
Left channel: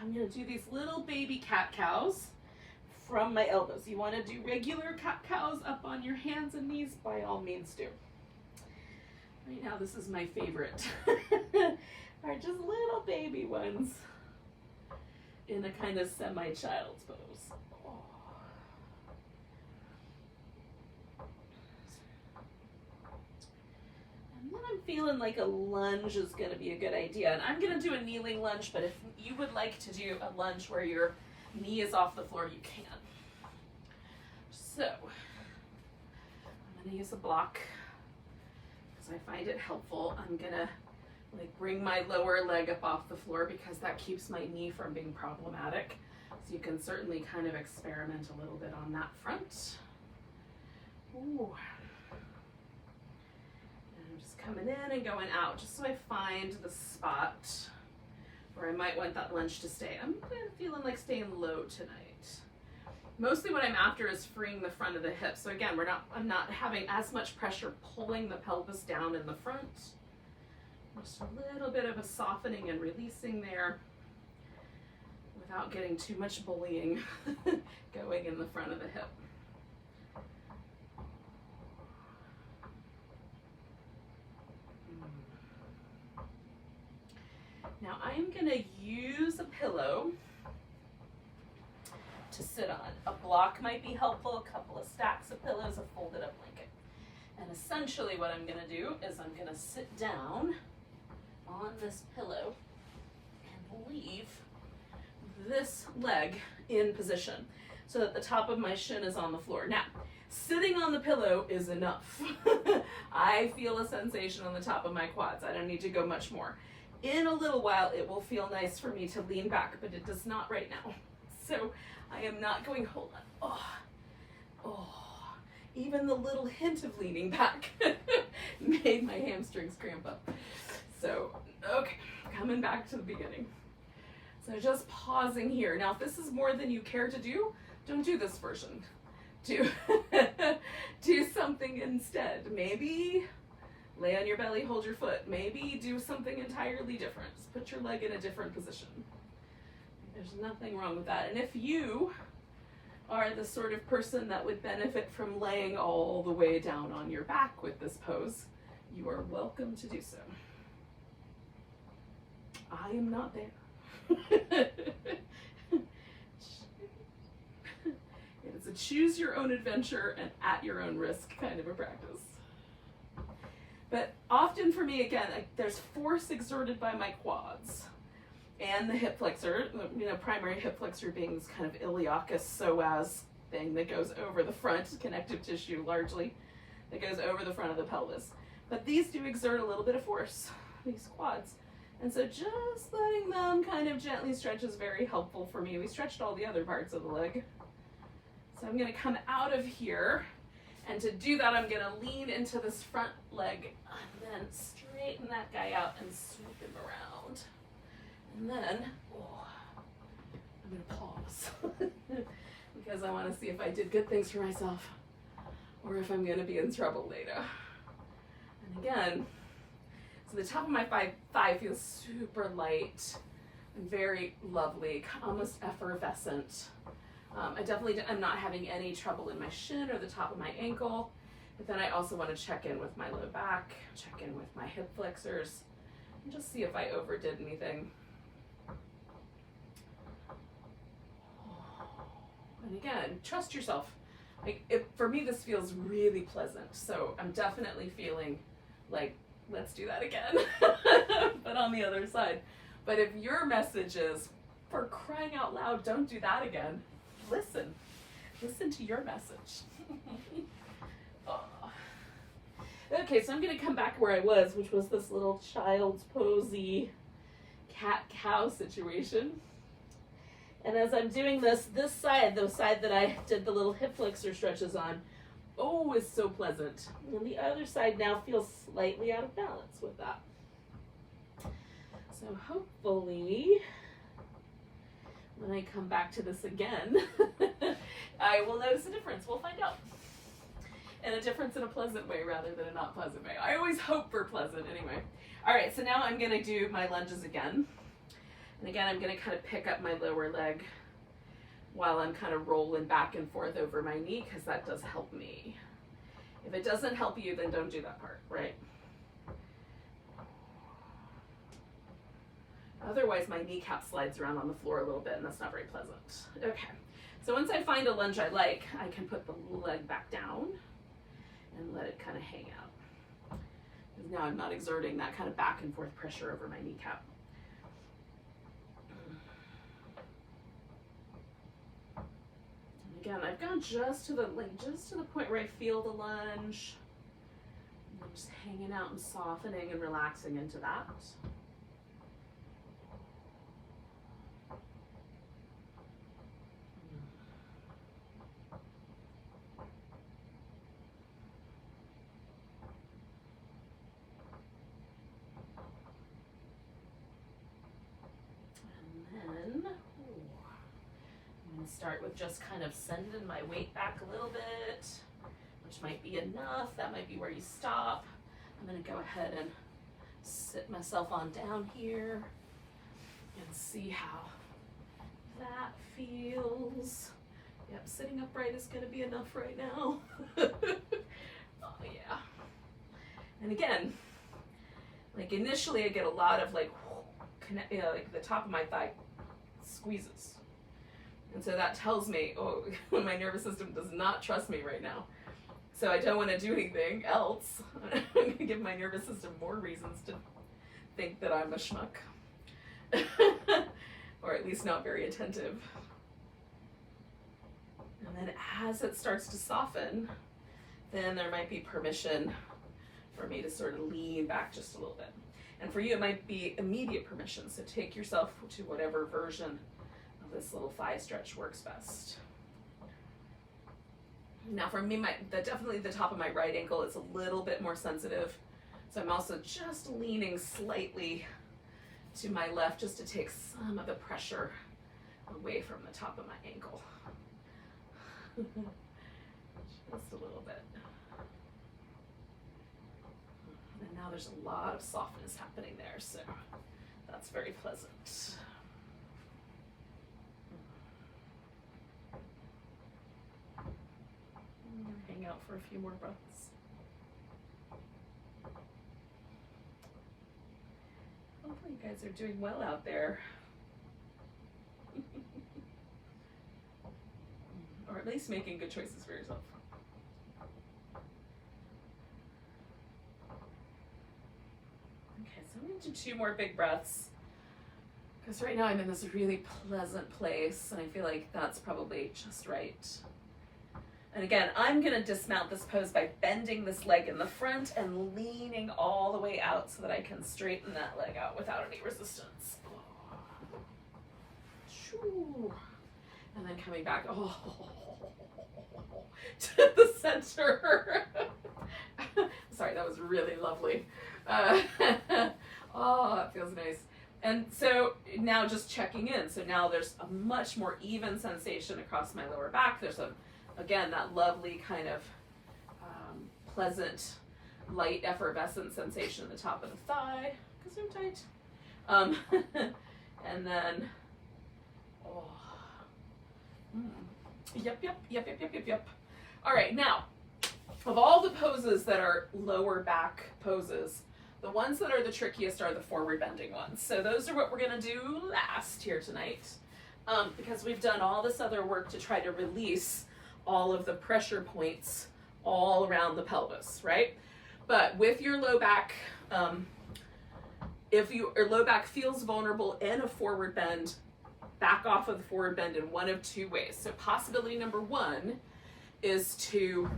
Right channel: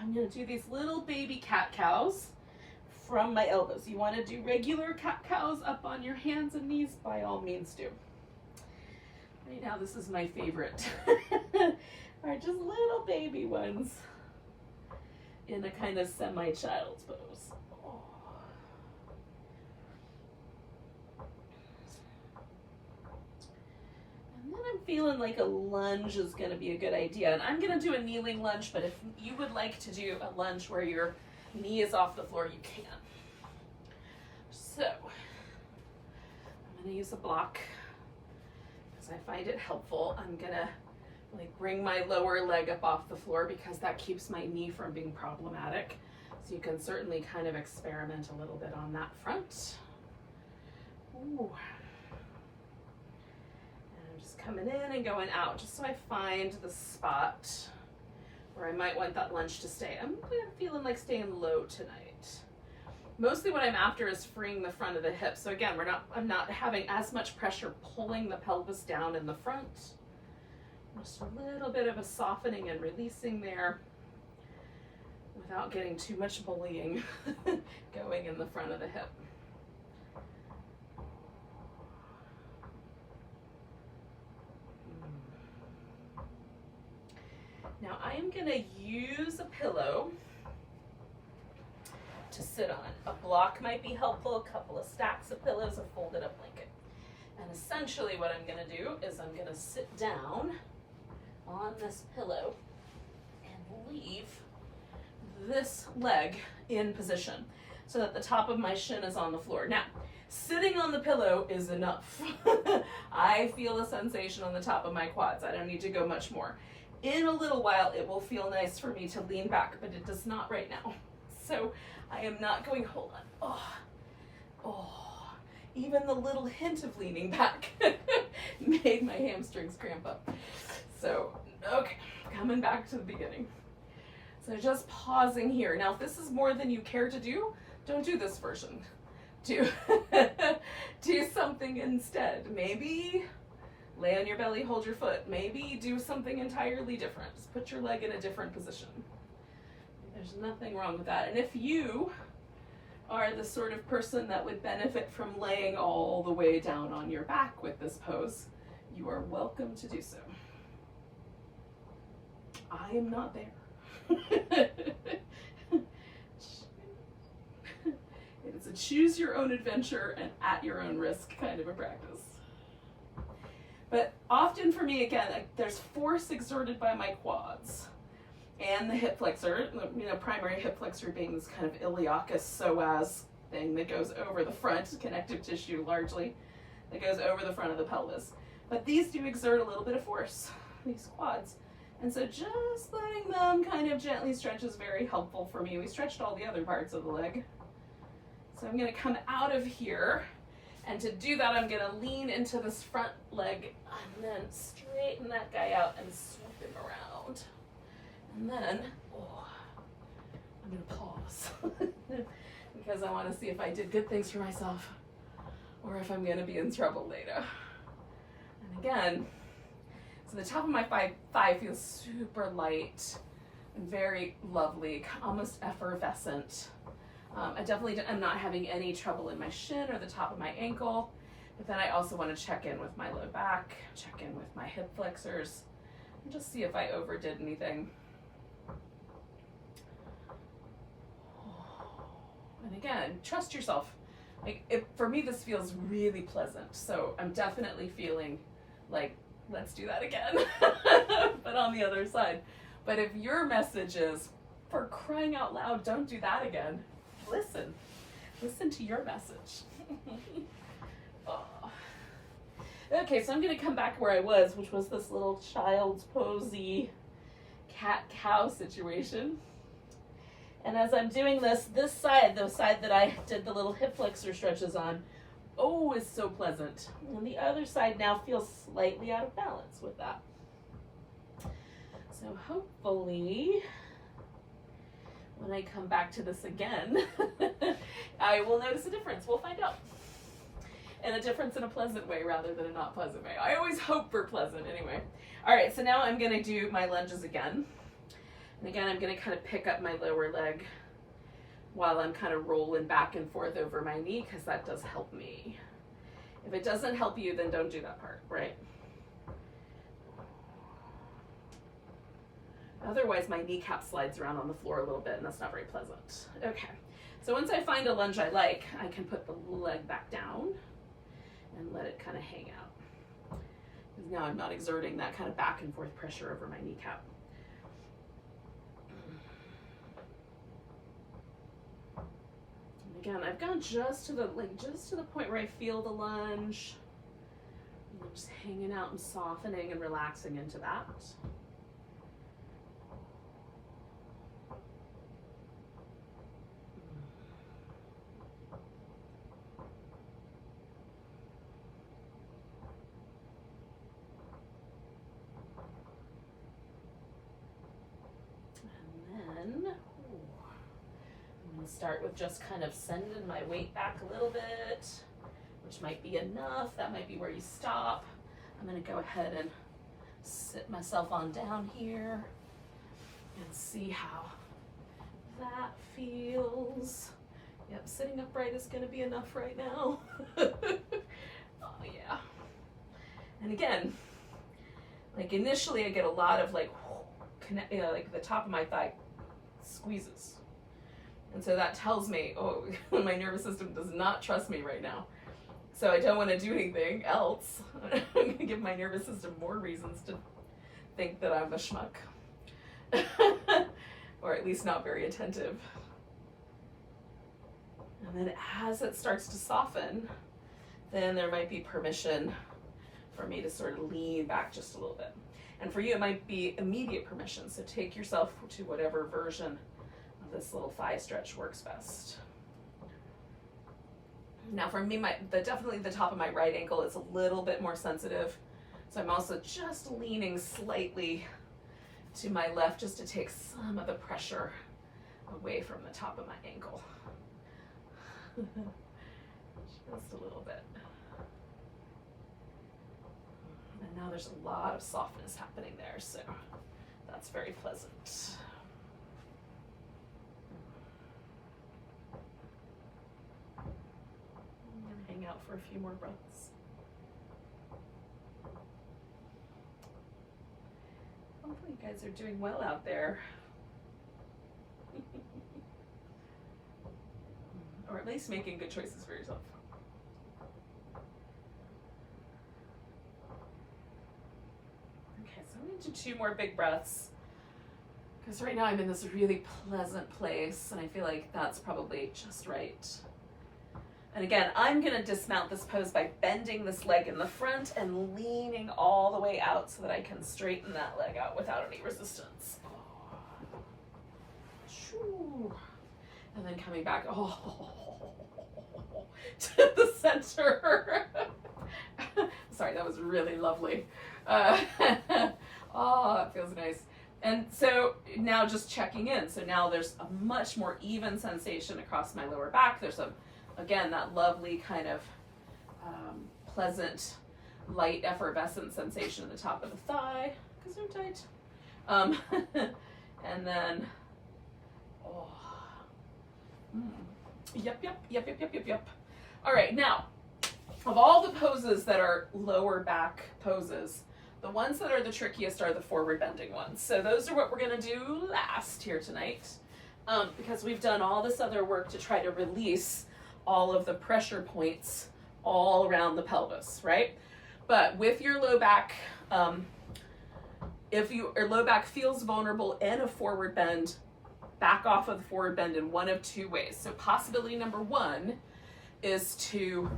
I'm gonna do these little baby cat-cows from my elbows. You wanna do regular cat-cows up on your hands and knees, by all means do. Right now, this is my favorite. Are just little baby ones in a kind of semi-child's pose. And then I'm feeling like a lunge is going to be a good idea. And I'm going to do a kneeling lunge, but if you would like to do a lunge where your knee is off the floor, you can. So I'm going to use a block because I find it helpful. I'm going to bring my lower leg up off the floor because that keeps my knee from being problematic. So you can certainly kind of experiment a little bit on that front. Ooh. And I'm just coming in and going out just so I find the spot where I might want that lunge to stay. I'm feeling like staying low tonight. Mostly what I'm after is freeing the front of the hip. So again, I'm not having as much pressure pulling the pelvis down in the front. Just a little bit of a softening and releasing there without getting too much bullying going in the front of the hip. Now I am going to use a pillow to sit on. A block might be helpful, a couple of stacks of pillows, a folded up blanket. And essentially what I'm going to do is I'm going to sit down on this pillow and leave this leg in position so that the top of my shin is on the floor. Now, Sitting on the pillow is enough. I feel a sensation on the top of my quads. I don't need to go much more. In a little while, it will feel nice for me to lean back, but it does not right now. So I am not going, hold on. Oh, even the little hint of leaning back made my hamstrings cramp up. So, okay, coming back to the beginning. So just pausing here. Now, if this is more than you care to do, don't do this version. Do something instead. Maybe lay on your belly, hold your foot. Maybe do something entirely different. Just put your leg in a different position. There's nothing wrong with that. And if you are the sort of person that would benefit from laying all the way down on your back with this pose, you are welcome to do so. I am not there. It's a choose your own adventure and at your own risk kind of a practice. But often for me, again, there's force exerted by my quads and the hip flexor, primary hip flexor being this kind of iliacus psoas thing that goes over the front, connective tissue largely, that goes over the front of the pelvis. But these do exert a little bit of force, these quads. And so just letting them kind of gently stretch is very helpful for me. We stretched all the other parts of the leg. So I'm gonna come out of here, and to do that, I'm gonna lean into this front leg and then straighten that guy out and swoop him around. And then, I'm gonna pause because I wanna see if I did good things for myself or if I'm gonna be in trouble later. And again, so the top of my thigh feels super light and very lovely, almost effervescent. I definitely am not having any trouble in my shin or the top of my ankle, but then I also want to check in with my low back, check in with my hip flexors, and just see if I overdid anything. And again, trust yourself. For me, this feels really pleasant, so I'm definitely feeling like, let's do that again, but on the other side. But if your message is, for crying out loud, don't do that again, listen to your message. Okay, so I'm going to come back where I was, which was this little child's posy cat-cow situation. And as I'm doing this side, the side that I did the little hip flexor stretches on, is so pleasant. And the other side now feels slightly out of balance with that. So hopefully, when I come back to this again, I will notice a difference. We'll find out. And a difference in a pleasant way rather than a not pleasant way. I always hope for pleasant anyway. All right, so now I'm gonna do my lunges again. And again, I'm gonna kind of pick up my lower leg while I'm kind of rolling back and forth over my knee, because that does help me. If it doesn't help you, then don't do that part, right? Otherwise, my kneecap slides around on the floor a little bit, and that's not very pleasant. Okay, so once I find a lunge I like, I can put the leg back down and let it kind of hang out. Because now I'm not exerting that kind of back and forth pressure over my kneecap. And again, I've gone just to the point where I feel the lunge. I'm just hanging out and softening and relaxing into that. Start with just kind of sending my weight back a little bit, which might be enough. That might be where you stop. I'm going to go ahead and sit myself on down here and see how that feels. Yep, sitting upright is going to be enough right now. Oh yeah. And again, like initially I get a lot of like the top of my thigh squeezes. And so that tells me, my nervous system does not trust me right now. So I don't want to do anything else. I'm going to give my nervous system more reasons to think that I'm a schmuck. Or at least not very attentive. And And then as it starts to soften, then there might be permission for me to sort of lean back just a little bit. And for you, it might be immediate permission. So take yourself to whatever version of this little thigh stretch works best. Now for me, definitely the top of my right ankle is a little bit more sensitive. So I'm also just leaning slightly to my left just to take some of the pressure away from the top of my ankle. Just a little bit. And now there's a lot of softness happening there, so that's very pleasant. I'm gonna hang out for a few more breaths. Hopefully you guys are doing well out there. Or at least making good choices for yourself. Okay, so I'm gonna do 2 more big breaths. Because right now I'm in this really pleasant place and I feel like that's probably just right. And again, I'm gonna dismount this pose by bending this leg in the front and leaning all the way out so that I can straighten that leg out without any resistance. And then coming back, to the center. Sorry, that was really lovely. Oh, it feels nice. And so now just checking in. So now there's a much more even sensation across my lower back. There's again, that lovely kind of pleasant, light effervescent sensation at the top of the thigh, because they're tight. And then, yep. All right, now, of all the poses that are lower back poses, the ones that are the trickiest are the forward bending ones. So those are what we're gonna do last here tonight, because we've done all this other work to try to release all of the pressure points all around the pelvis, right? But with your low back, if your low back feels vulnerable in a forward bend, back off of the forward bend in one of 2 ways. So possibility number 1 is to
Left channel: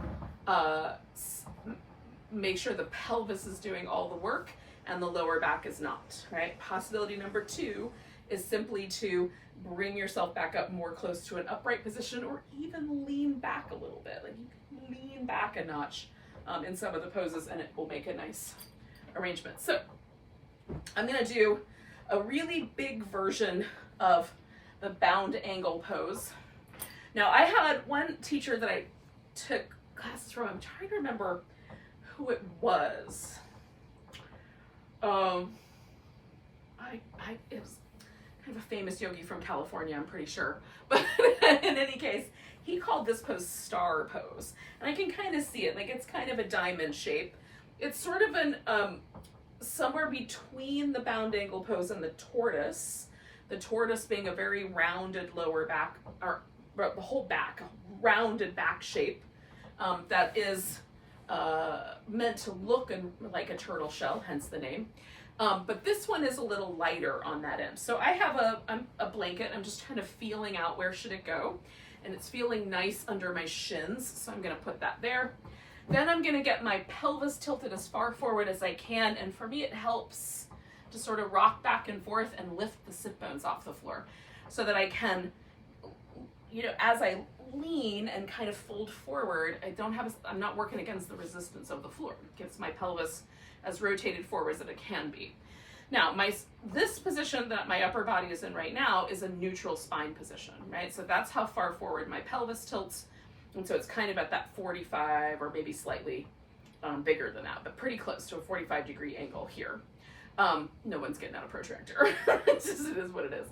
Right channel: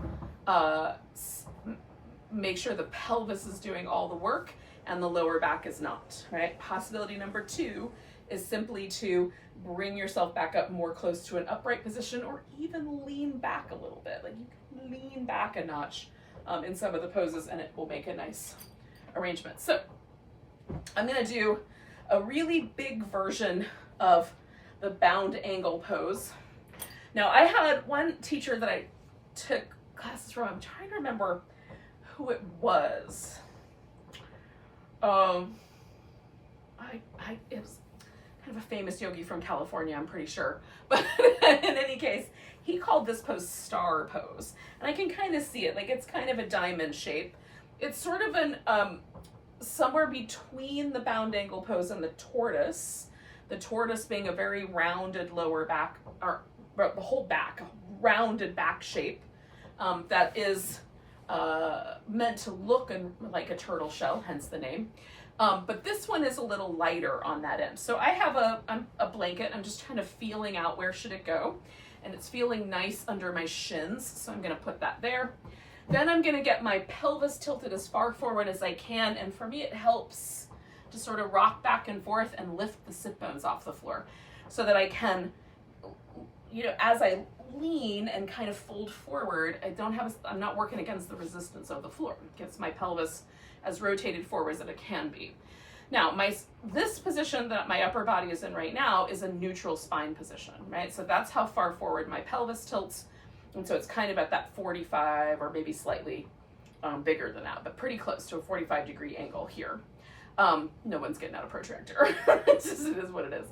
make sure the pelvis is doing all the work and the lower back is not, right? Possibility number 2 is simply to bring yourself back up more close to an upright position, or even lean back a little bit. Like you can lean back a notch in some of the poses and it will make a nice arrangement. So I'm gonna do a really big version of the bound angle pose. Now I had one teacher that I took classes from. I'm trying to remember who it was. It was kind of a famous yogi from California, I'm pretty sure. But in any case, he called this pose star pose. And I can kind of see it, like it's kind of a diamond shape. It's sort of an, somewhere between the bound angle pose and the tortoise being a very rounded lower back, or the whole back, a rounded back shape that is meant to look like a turtle shell, hence the name. But this one is a little lighter on that end. So I have a blanket. I'm just kind of feeling out where should it go. And it's feeling nice under my shins. So I'm gonna put that there. Then I'm gonna get my pelvis tilted as far forward as I can. And for me, it helps to sort of rock back and forth and lift the sit bones off the floor so that I can, as I lean and kind of fold forward, I'm not working against the resistance of the floor. It gets my pelvis as rotated forward as it can be. Now, this position that my upper body is in right now is a neutral spine position, right? So that's how far forward my pelvis tilts. And so it's kind of at that 45 or maybe slightly bigger than that, but pretty close to a 45-degree angle here. No one's getting out a protractor. It is what it is.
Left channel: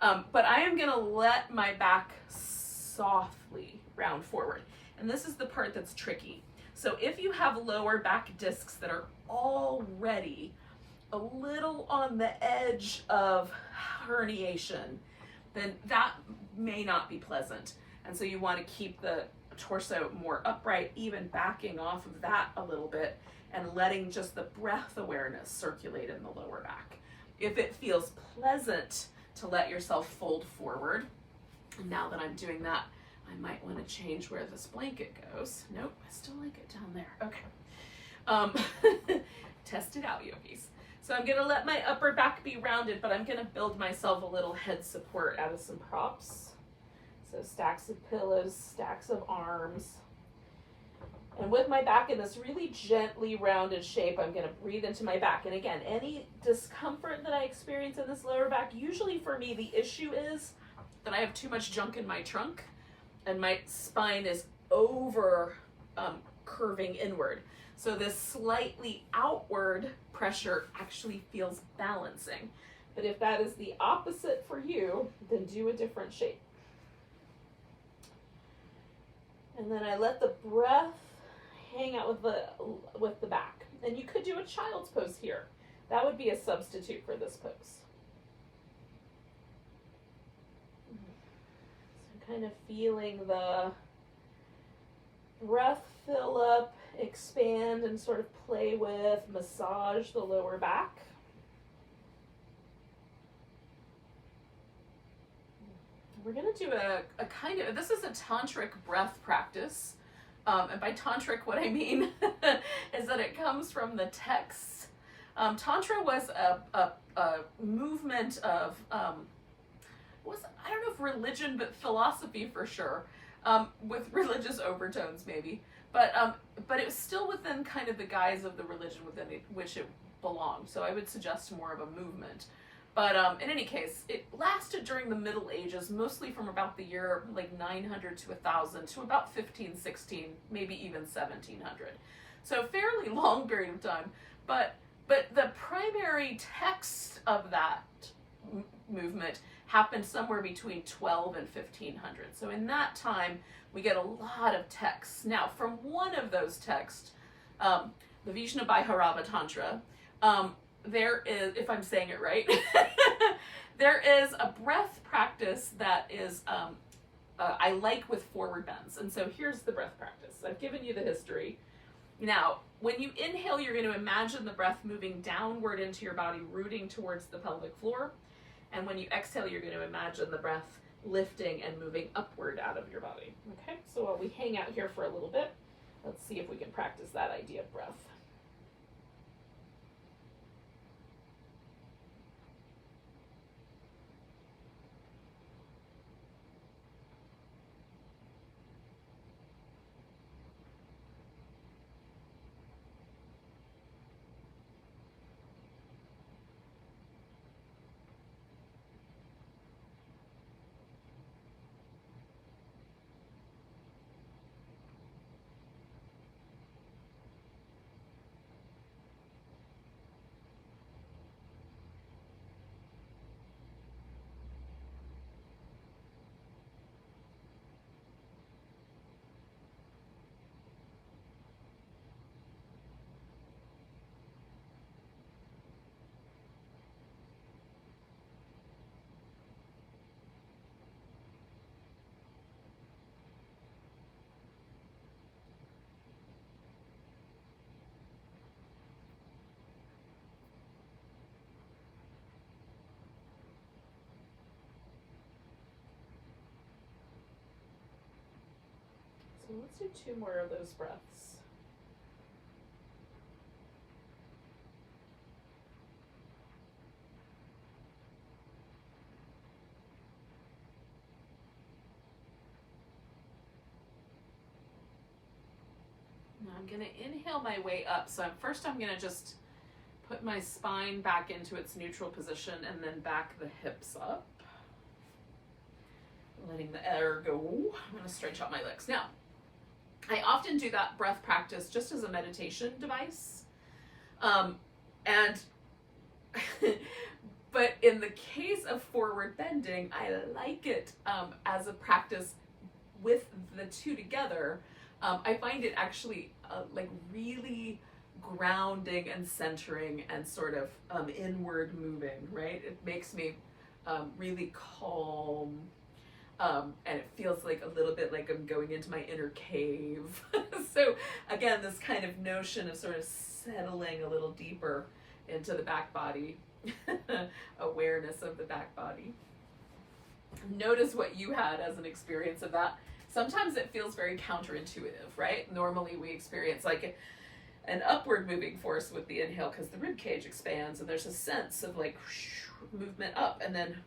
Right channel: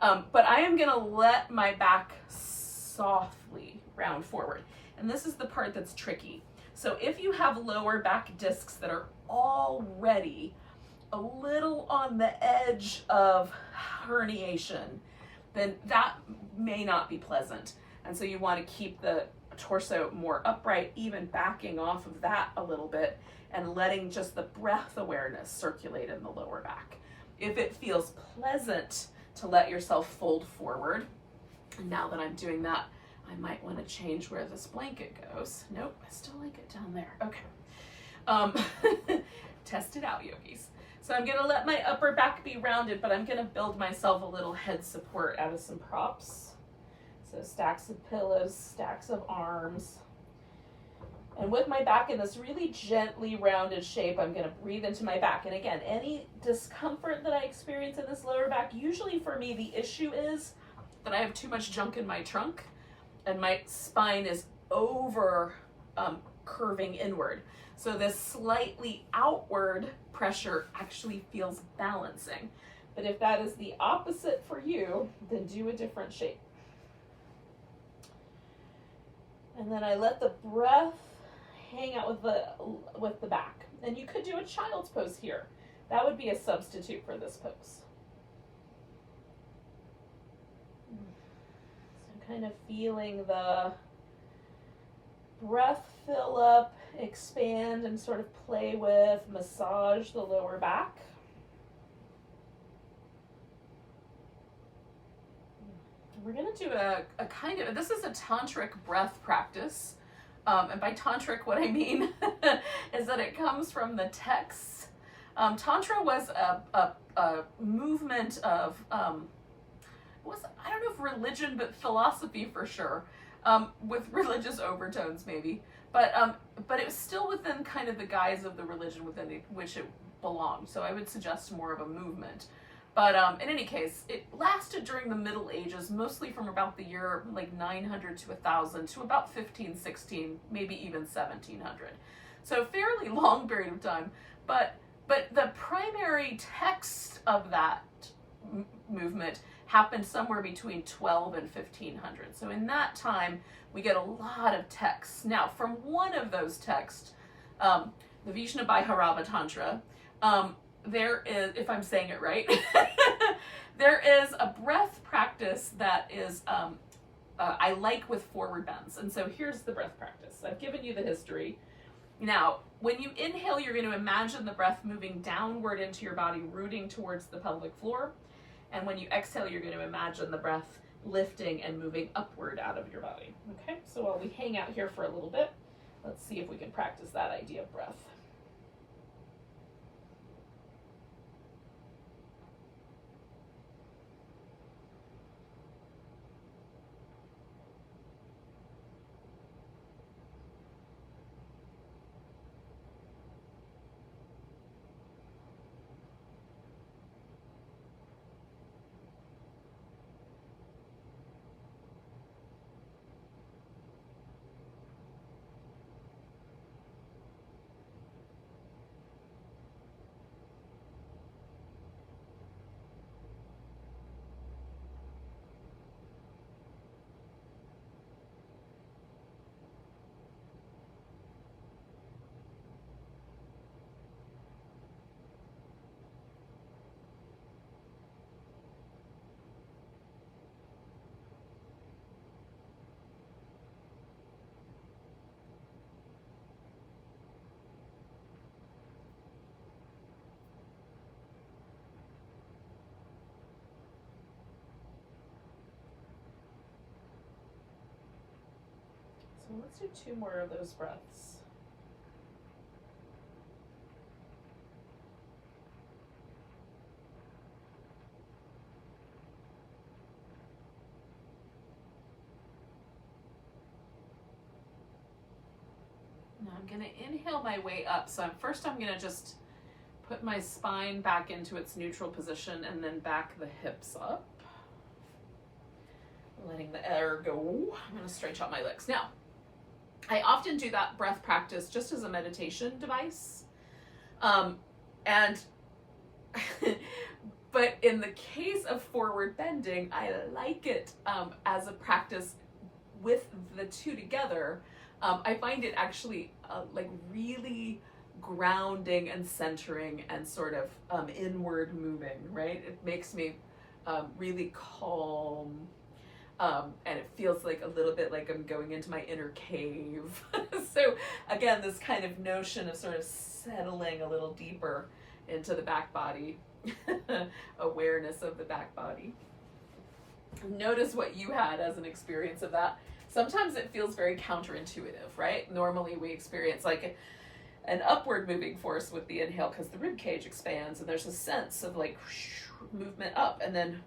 But I am gonna let my back softly round forward. And this is the part that's tricky. So if you have lower back discs that are already a little on the edge of herniation, then that may not be pleasant. And so you want to keep the torso more upright, even backing off of that a little bit and letting just the breath awareness circulate in the lower back. If it feels pleasant to let yourself fold forward, and now that I'm doing that, I might want to change where this blanket goes. Nope, I still like it down there. Okay. Test it out, yogis. So I'm gonna let my upper back be rounded, but I'm gonna build myself a little head support out of some props. So stacks of pillows, stacks of arms. And with my back in this really gently rounded shape, I'm gonna breathe into my back. And again, any discomfort that I experience in this lower back, usually for me, the issue is that I have too much junk in my trunk and my spine is over curving inward. So this slightly outward pressure actually feels balancing. But if that is the opposite for you, then do a different shape. And then I let the breath hang out with the back. And you could do a child's pose here. That would be a substitute for this pose. So kind of feeling the breath fill up, expand, and sort of play with, massage the lower back. We're going to do a kind of, this is a tantric breath practice. And by tantric, what I mean is that it comes from the texts. Tantra was a movement of, I don't know if religion, but philosophy for sure, with religious overtones maybe. But it was still within kind of the guise of the religion within which it belonged. So I would suggest more of a movement. But in any case, it lasted during the Middle Ages, mostly from about the year like 900 to 1000 to about 1516, maybe even 1700. So a fairly long period of time. But the primary text of that movement happened somewhere between 12 and 1500. So in that time, we get a lot of texts. Now, from one of those texts, the Vijnabhairava Tantra, there is, if I'm saying it right, there is a breath practice that is, I like with forward bends. And so here's the breath practice. I've given you the history. Now, when you inhale, you're going to imagine the breath moving downward into your body, rooting towards the pelvic floor. And when you exhale, you're going to imagine the breath lifting and moving upward out of your body. Okay, so while we hang out here for a little bit, let's see if we can practice that idea of breath. So let's do 2 more of those breaths. Now I'm going to inhale my way up. So first I'm going to just put my spine back into its neutral position and then back the hips up. Letting the air go. I'm going to stretch out my legs. Now, I often do that breath practice just as a meditation device. But in the case of forward bending, I like it as a practice with the two together. I find it actually like really grounding and centering and sort of inward moving, right? It makes me really calm. And it feels like a little bit like I'm going into my inner cave. So again, this kind of notion of sort of settling a little deeper into the back body, awareness of the back body. Notice what you had as an experience of that. Sometimes it feels very counterintuitive, right? Normally we experience like an upward moving force with the inhale because the rib cage expands and there's a sense of like movement up, and then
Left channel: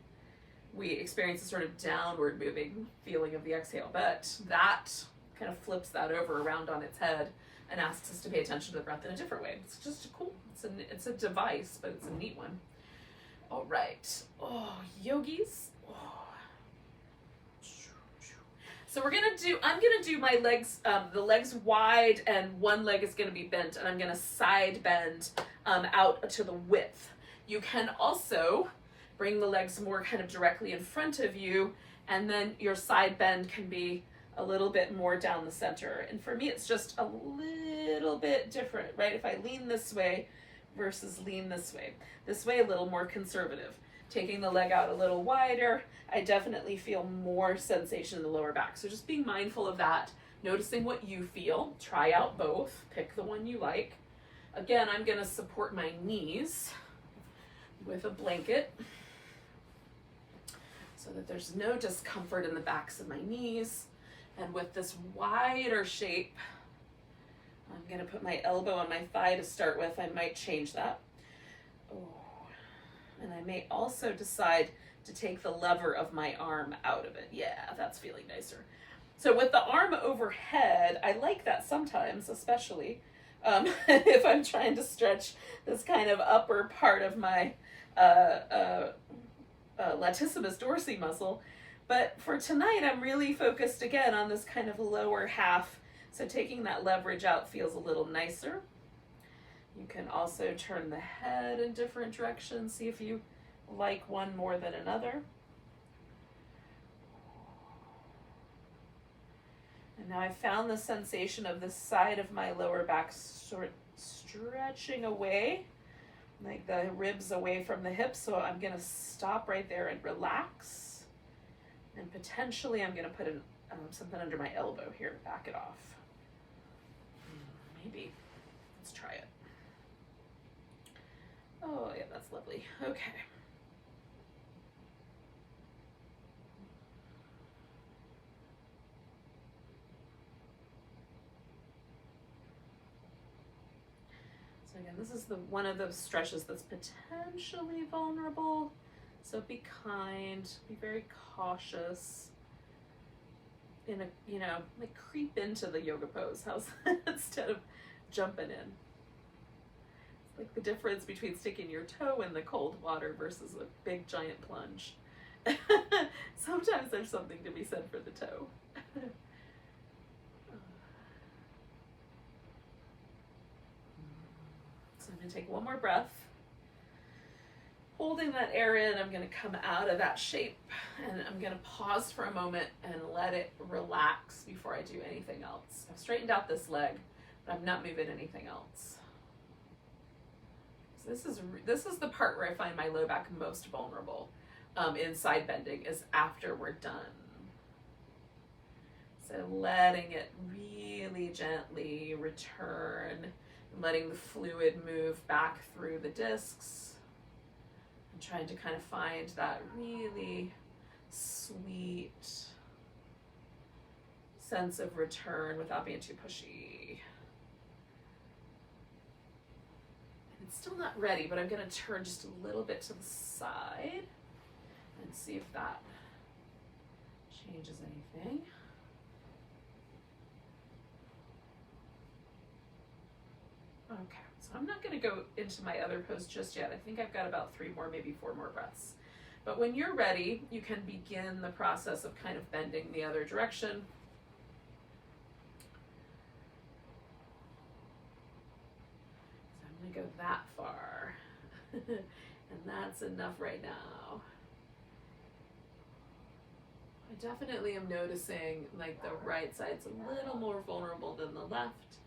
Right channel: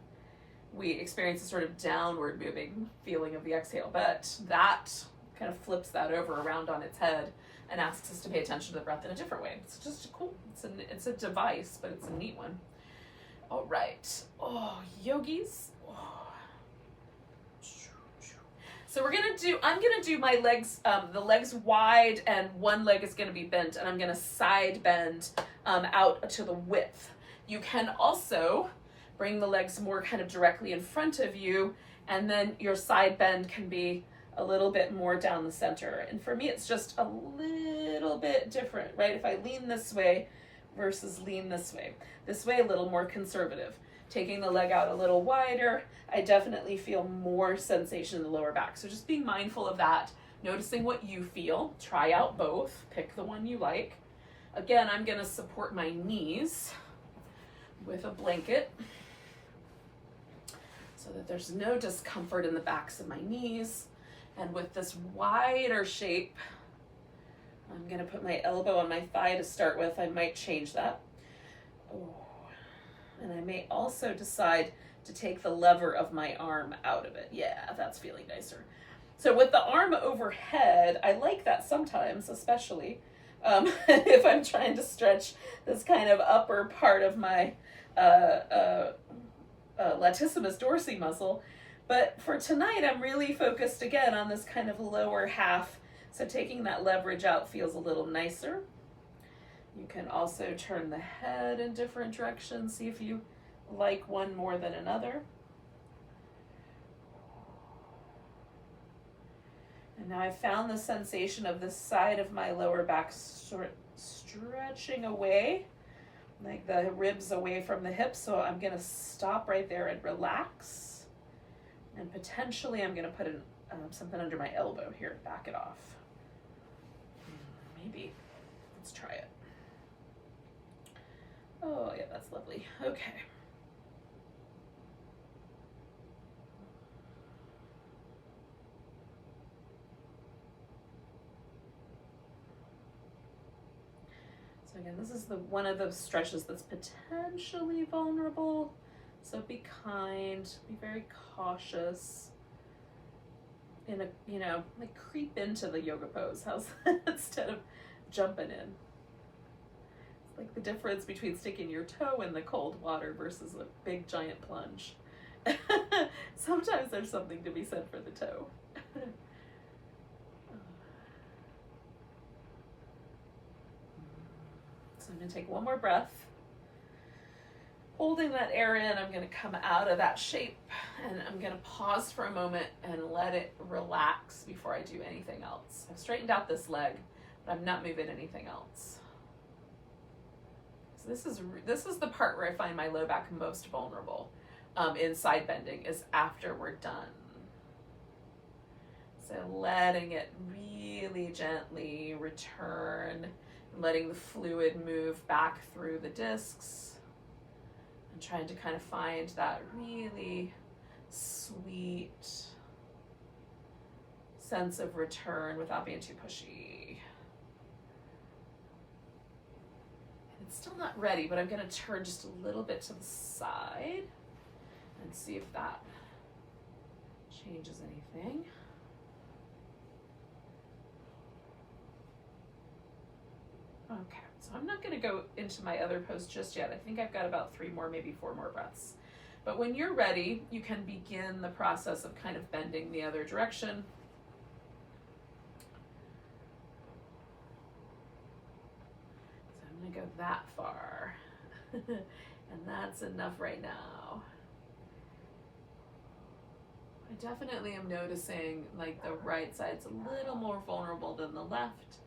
we experience a sort of downward moving feeling of the exhale. But that kind of flips that over around on its head and asks us to pay attention to the breath in a different way. It's just cool. It's a device, but it's a neat one. All right. Oh, yogis. Oh. So I'm gonna do my legs, the legs wide, and one leg is gonna be bent, and I'm gonna side bend out to the width. You can also bring the legs more kind of directly in front of you, and then your side bend can be a little bit more down the center. And for me, it's just a little bit different, right? If I lean this way versus lean this way a little more conservative. Taking the leg out a little wider, I definitely feel more sensation in the lower back. So just being mindful of that, noticing what you feel, try out both, pick the one you like. Again, I'm gonna support my knees with a blanket so that there's no discomfort in the backs of my knees. And with this wider shape, I'm gonna put my elbow on my thigh to start with. I might change that. Oh. And I may also decide to take the lever of my arm out of it. Yeah, that's feeling nicer. So with the arm overhead, I like that sometimes, especially if I'm trying to stretch this kind of upper part of my latissimus dorsi muscle. But for tonight, I'm really focused again on this kind of lower half. So taking that leverage out feels a little nicer. You can also turn the head in different directions. See if you like one more than another. And now I found the sensation of the side of my lower back sort of stretching away, like the ribs away from the hips. So I'm gonna stop right there and relax. And potentially I'm gonna put in something under my elbow here, back it off. Maybe, let's try it. Oh yeah, that's lovely. Okay. So again, this is one of those stretches that's potentially vulnerable. So be kind, be very cautious. Like creep into the yoga pose. How's that? Instead of jumping in. It's like the difference between sticking your toe in the cold water versus a big giant plunge. Sometimes there's something to be said for the toe. So I'm gonna take one more breath. Holding that area, and I'm gonna come out of that shape, and I'm gonna pause for a moment and let it relax before I do anything else. I've straightened out this leg, but I'm not moving anything else. So this is the part where I find my low back most vulnerable in side bending, is after we're done. So letting it really gently return, and letting the fluid move back through the discs. And trying to kind of find that really sweet sense of return without being too pushy. It's still not ready, but I'm going to turn just a little bit to the side and see if that changes anything. Okay. So I'm not going to go into my other pose just yet. I think I've got about 3 more, maybe 4 more breaths. But when you're ready, you can begin the process of kind of bending the other direction. So I'm going to go that far. And that's enough right now. I definitely am noticing like the right side's a little more vulnerable than the left.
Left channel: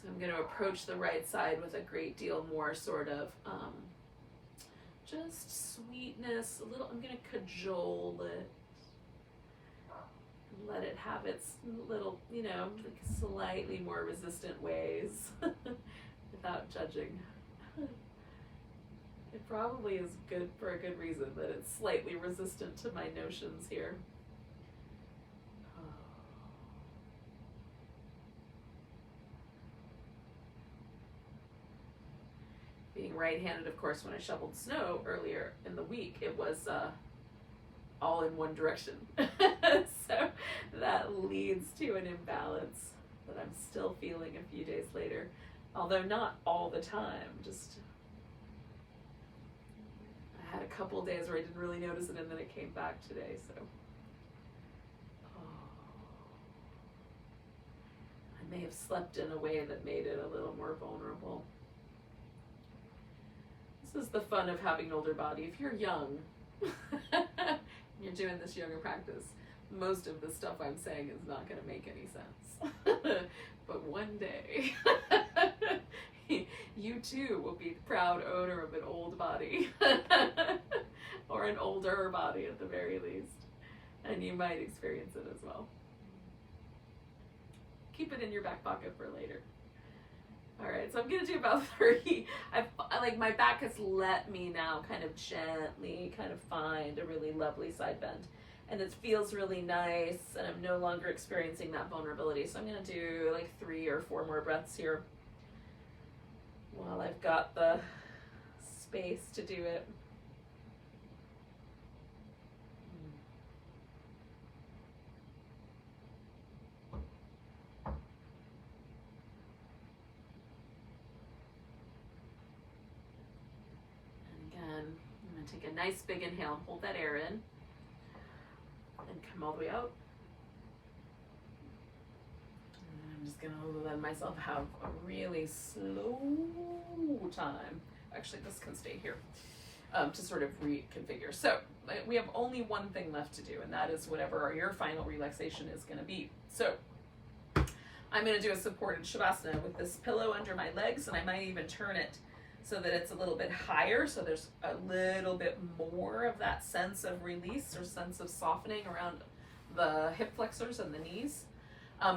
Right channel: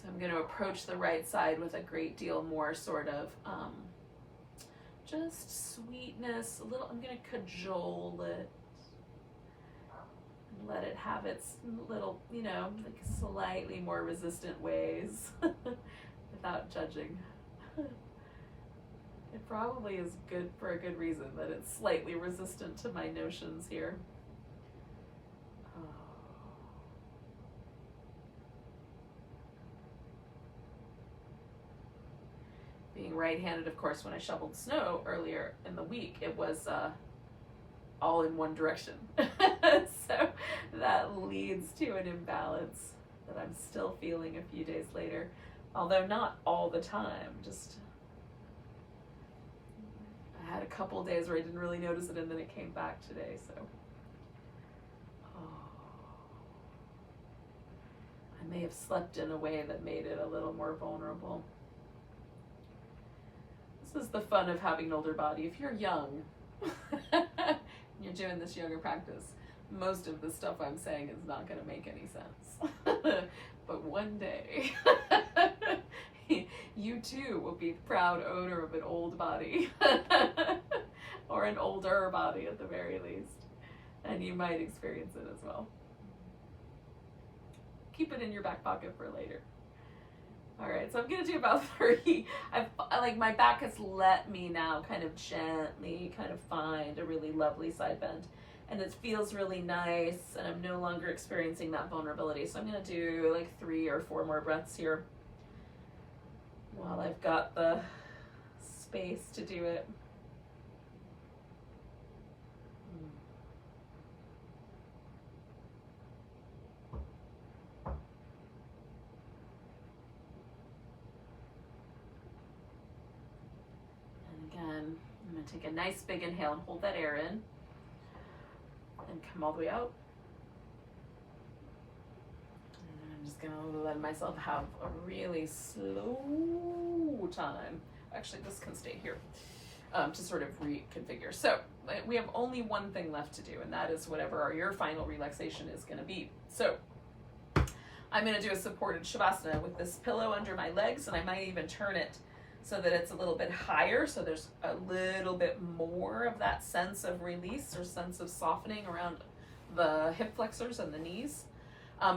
So I'm going to approach the right side with a great deal more sort of just sweetness, a little. I'm going to cajole it and let it have its little, like slightly more resistant ways without judging. It probably is good for a good reason that it's slightly resistant to my notions here. Oh. being right-handed, of course, when I shoveled snow earlier in the week, it was all in one direction. So that leads to an imbalance that I'm still feeling a few days later, although not all the time. Just I had a couple days where I didn't really notice it, and then it came back today. So I may have slept in a way that made it a little more vulnerable. This is the fun of having an older body. If you're young, you're doing this yoga practice, most of the stuff I'm saying is not going to make any sense. But one day, you too will be the proud owner of an old body, or an older body at the very least, and you might experience it as well. Keep it in your back pocket for later. All right, so I'm gonna do about 30. My back has let me now kind of gently kind of find a really lovely side bend, and it feels really nice, and I'm no longer experiencing that vulnerability. So I'm gonna do like 3 or 4 more breaths here while I've got the space to do it. I'm going to take a nice big inhale and hold that air in, and come all the way out. And I'm just going to let myself have a really slow time. Actually, this can stay here to sort of reconfigure. So we have only one thing left to do, and that is whatever your final relaxation is going to be. So I'm going to do a supported Shavasana with this pillow under my legs, and I might even turn it so that it's a little bit higher, so there's a little bit more of that sense of release or sense of softening around the hip flexors and the knees.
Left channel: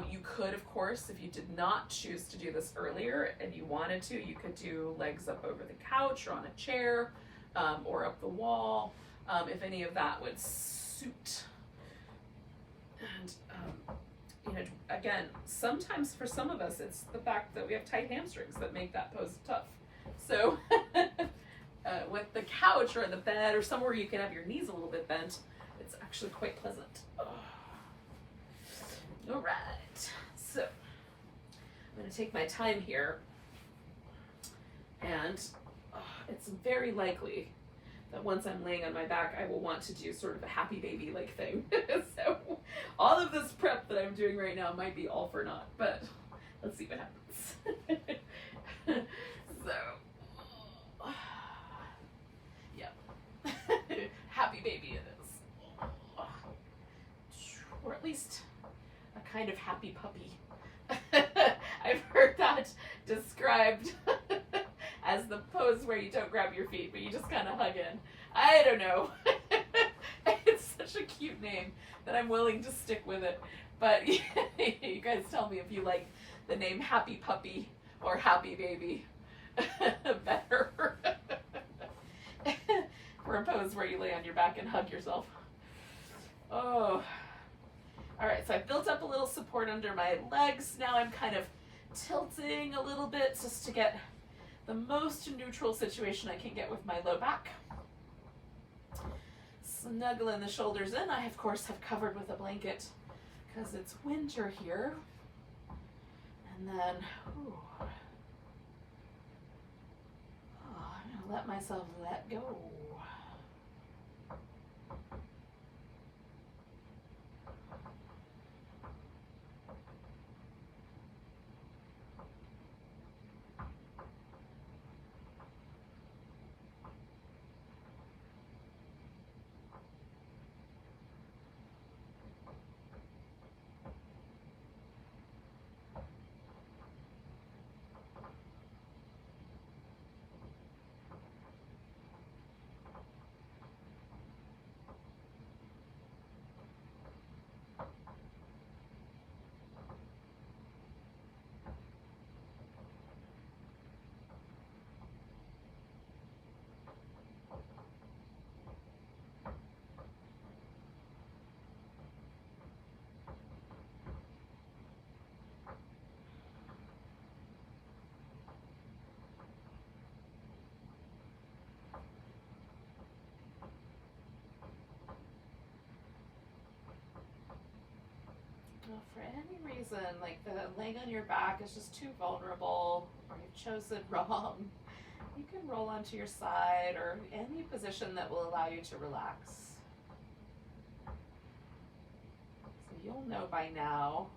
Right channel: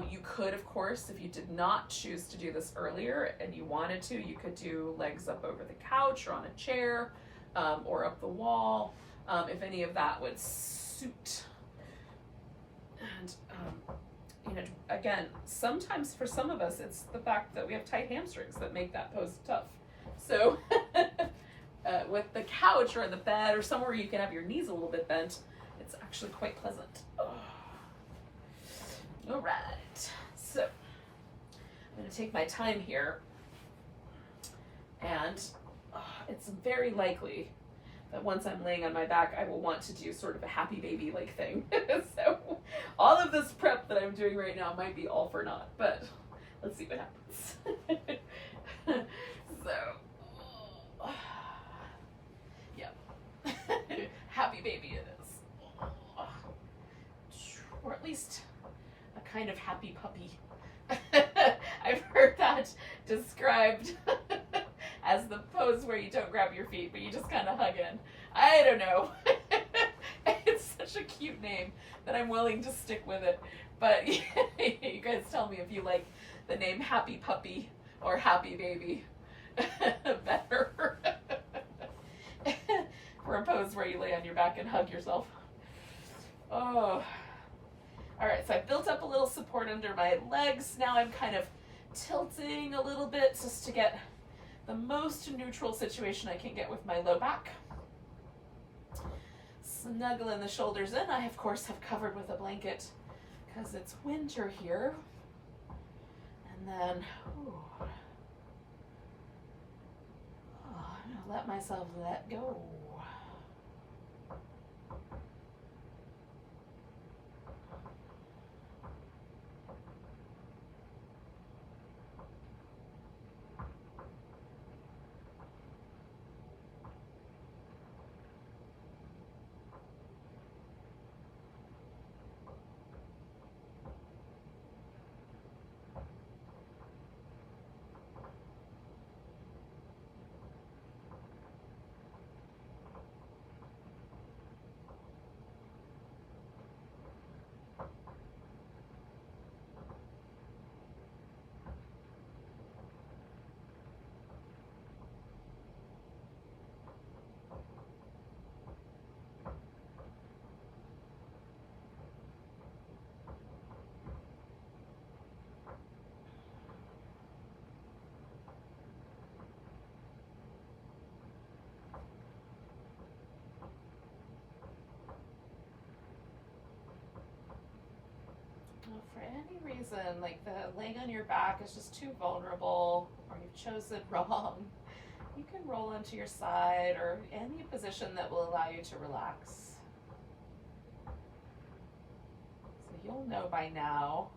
You could, of course, if you did not choose to do this earlier and you wanted to, you could do legs up over the couch or on a chair, or up the wall, if any of that would suit. And again, sometimes for some of us, it's the fact that we have tight hamstrings that make that pose tough. So with the couch or the bed or somewhere you can have your knees a little bit bent, it's actually quite pleasant. All right, so I'm going to take my time here, and it's very likely that once I'm laying on my back, I will want to do sort of a happy baby-like thing. So all of this prep that I'm doing right now might be all for naught, but let's see what happens. So, yeah, happy baby it is, or at least a kind of happy puppy. I've heard that described as the pose where you don't grab your feet, but you just kind of hug in. I don't know. It's such a cute name that I'm willing to stick with it. But you guys tell me if you like the name Happy Puppy or Happy Baby better. For a pose where you lay on your back and hug yourself. Oh. All right, so I've built up a little support under my legs. Now I'm kind of tilting a little bit just to get the most neutral situation I can get with my low back. Snuggling the shoulders in. I, of course, have covered with a blanket because it's winter here. And then, I'm gonna let myself let go. for any reason, like the laying on your back is just too vulnerable, or you've chosen wrong, you can roll onto your side or any position that will allow you to relax. So you'll know by now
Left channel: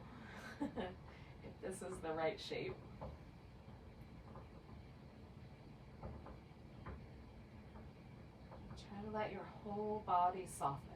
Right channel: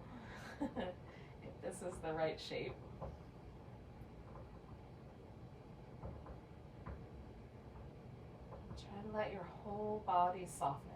if this is the right shape. Try to let your whole body soften.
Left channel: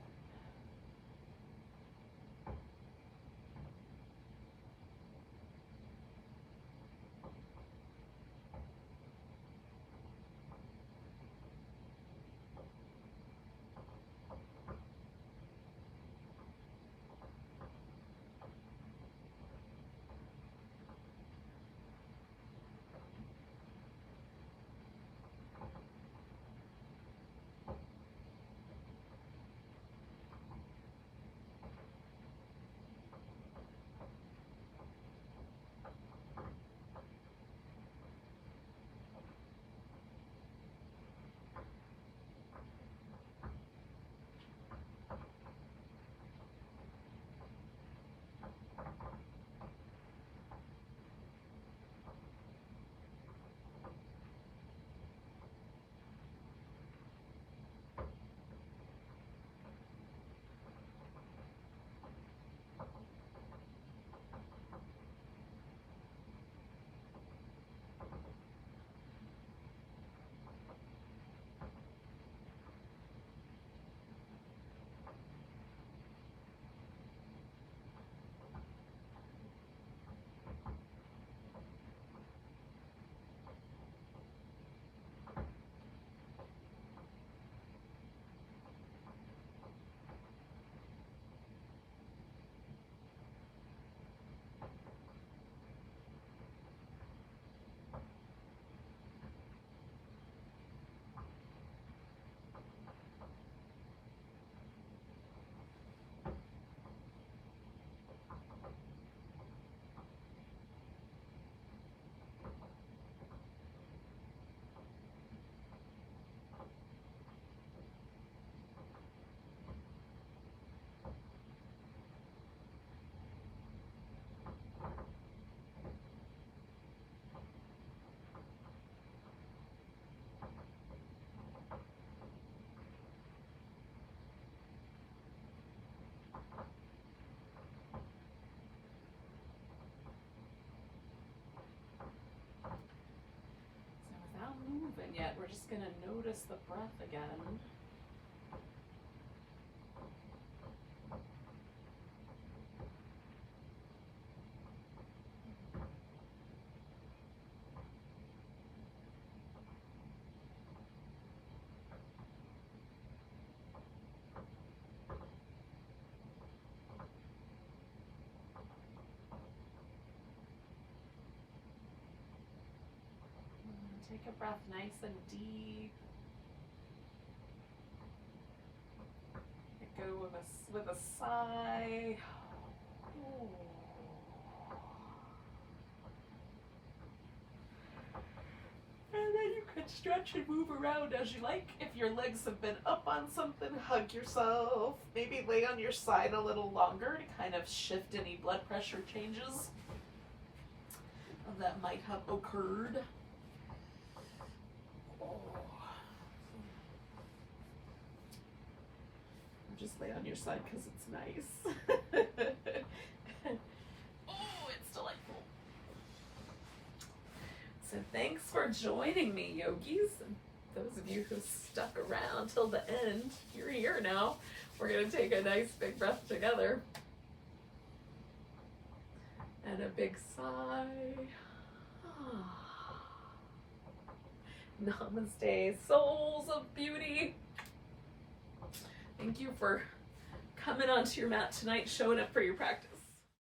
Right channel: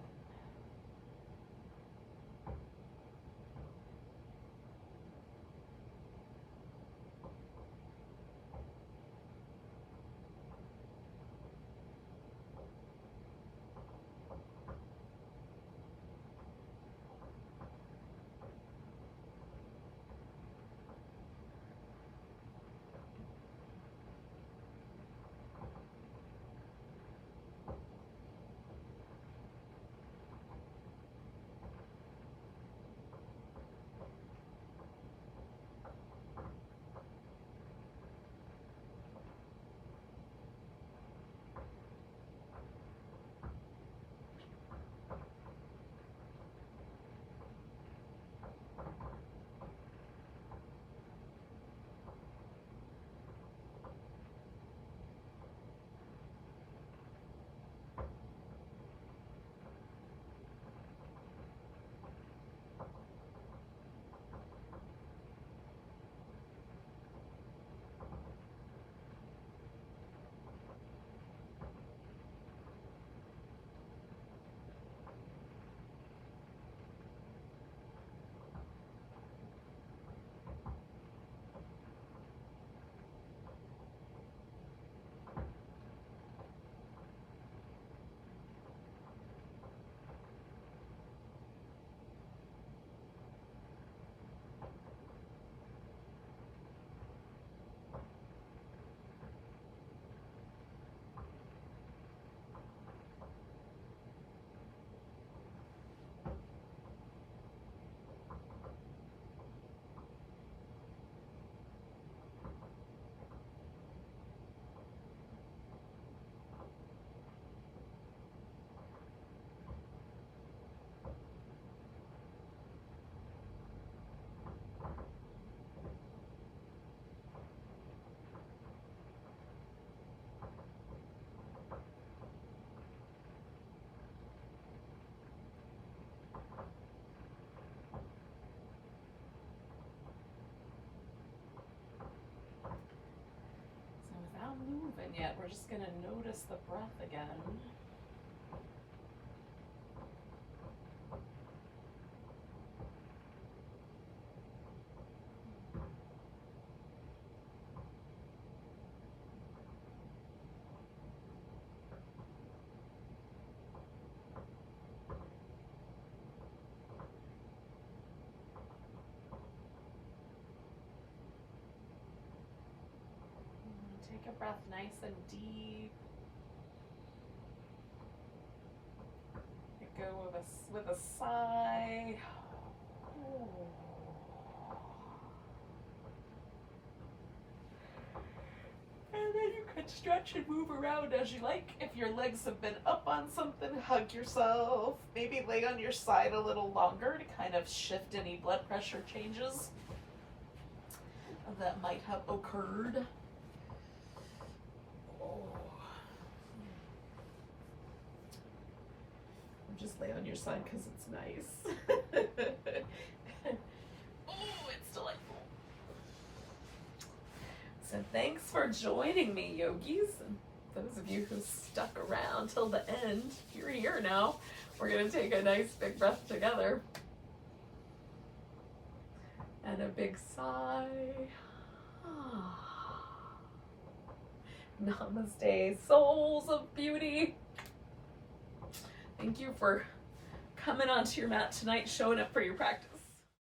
Moving yet, we're just going to notice the breath again. Take a breath nice and deep. Let go with a sigh. Ooh. And then you could stretch and move around as you like. If your legs have been up on something, hug yourself. Maybe lay on your side a little longer to kind of shift any blood pressure changes that might have occurred. Just lay on your side because it's nice. Oh, it's delightful. So thanks for joining me, yogis. And those of you who stuck around till the end, you're here now. We're going to take a nice big breath together. And a big sigh. Namaste, souls of beauty. Thank you for coming onto your mat tonight, showing up for your practice.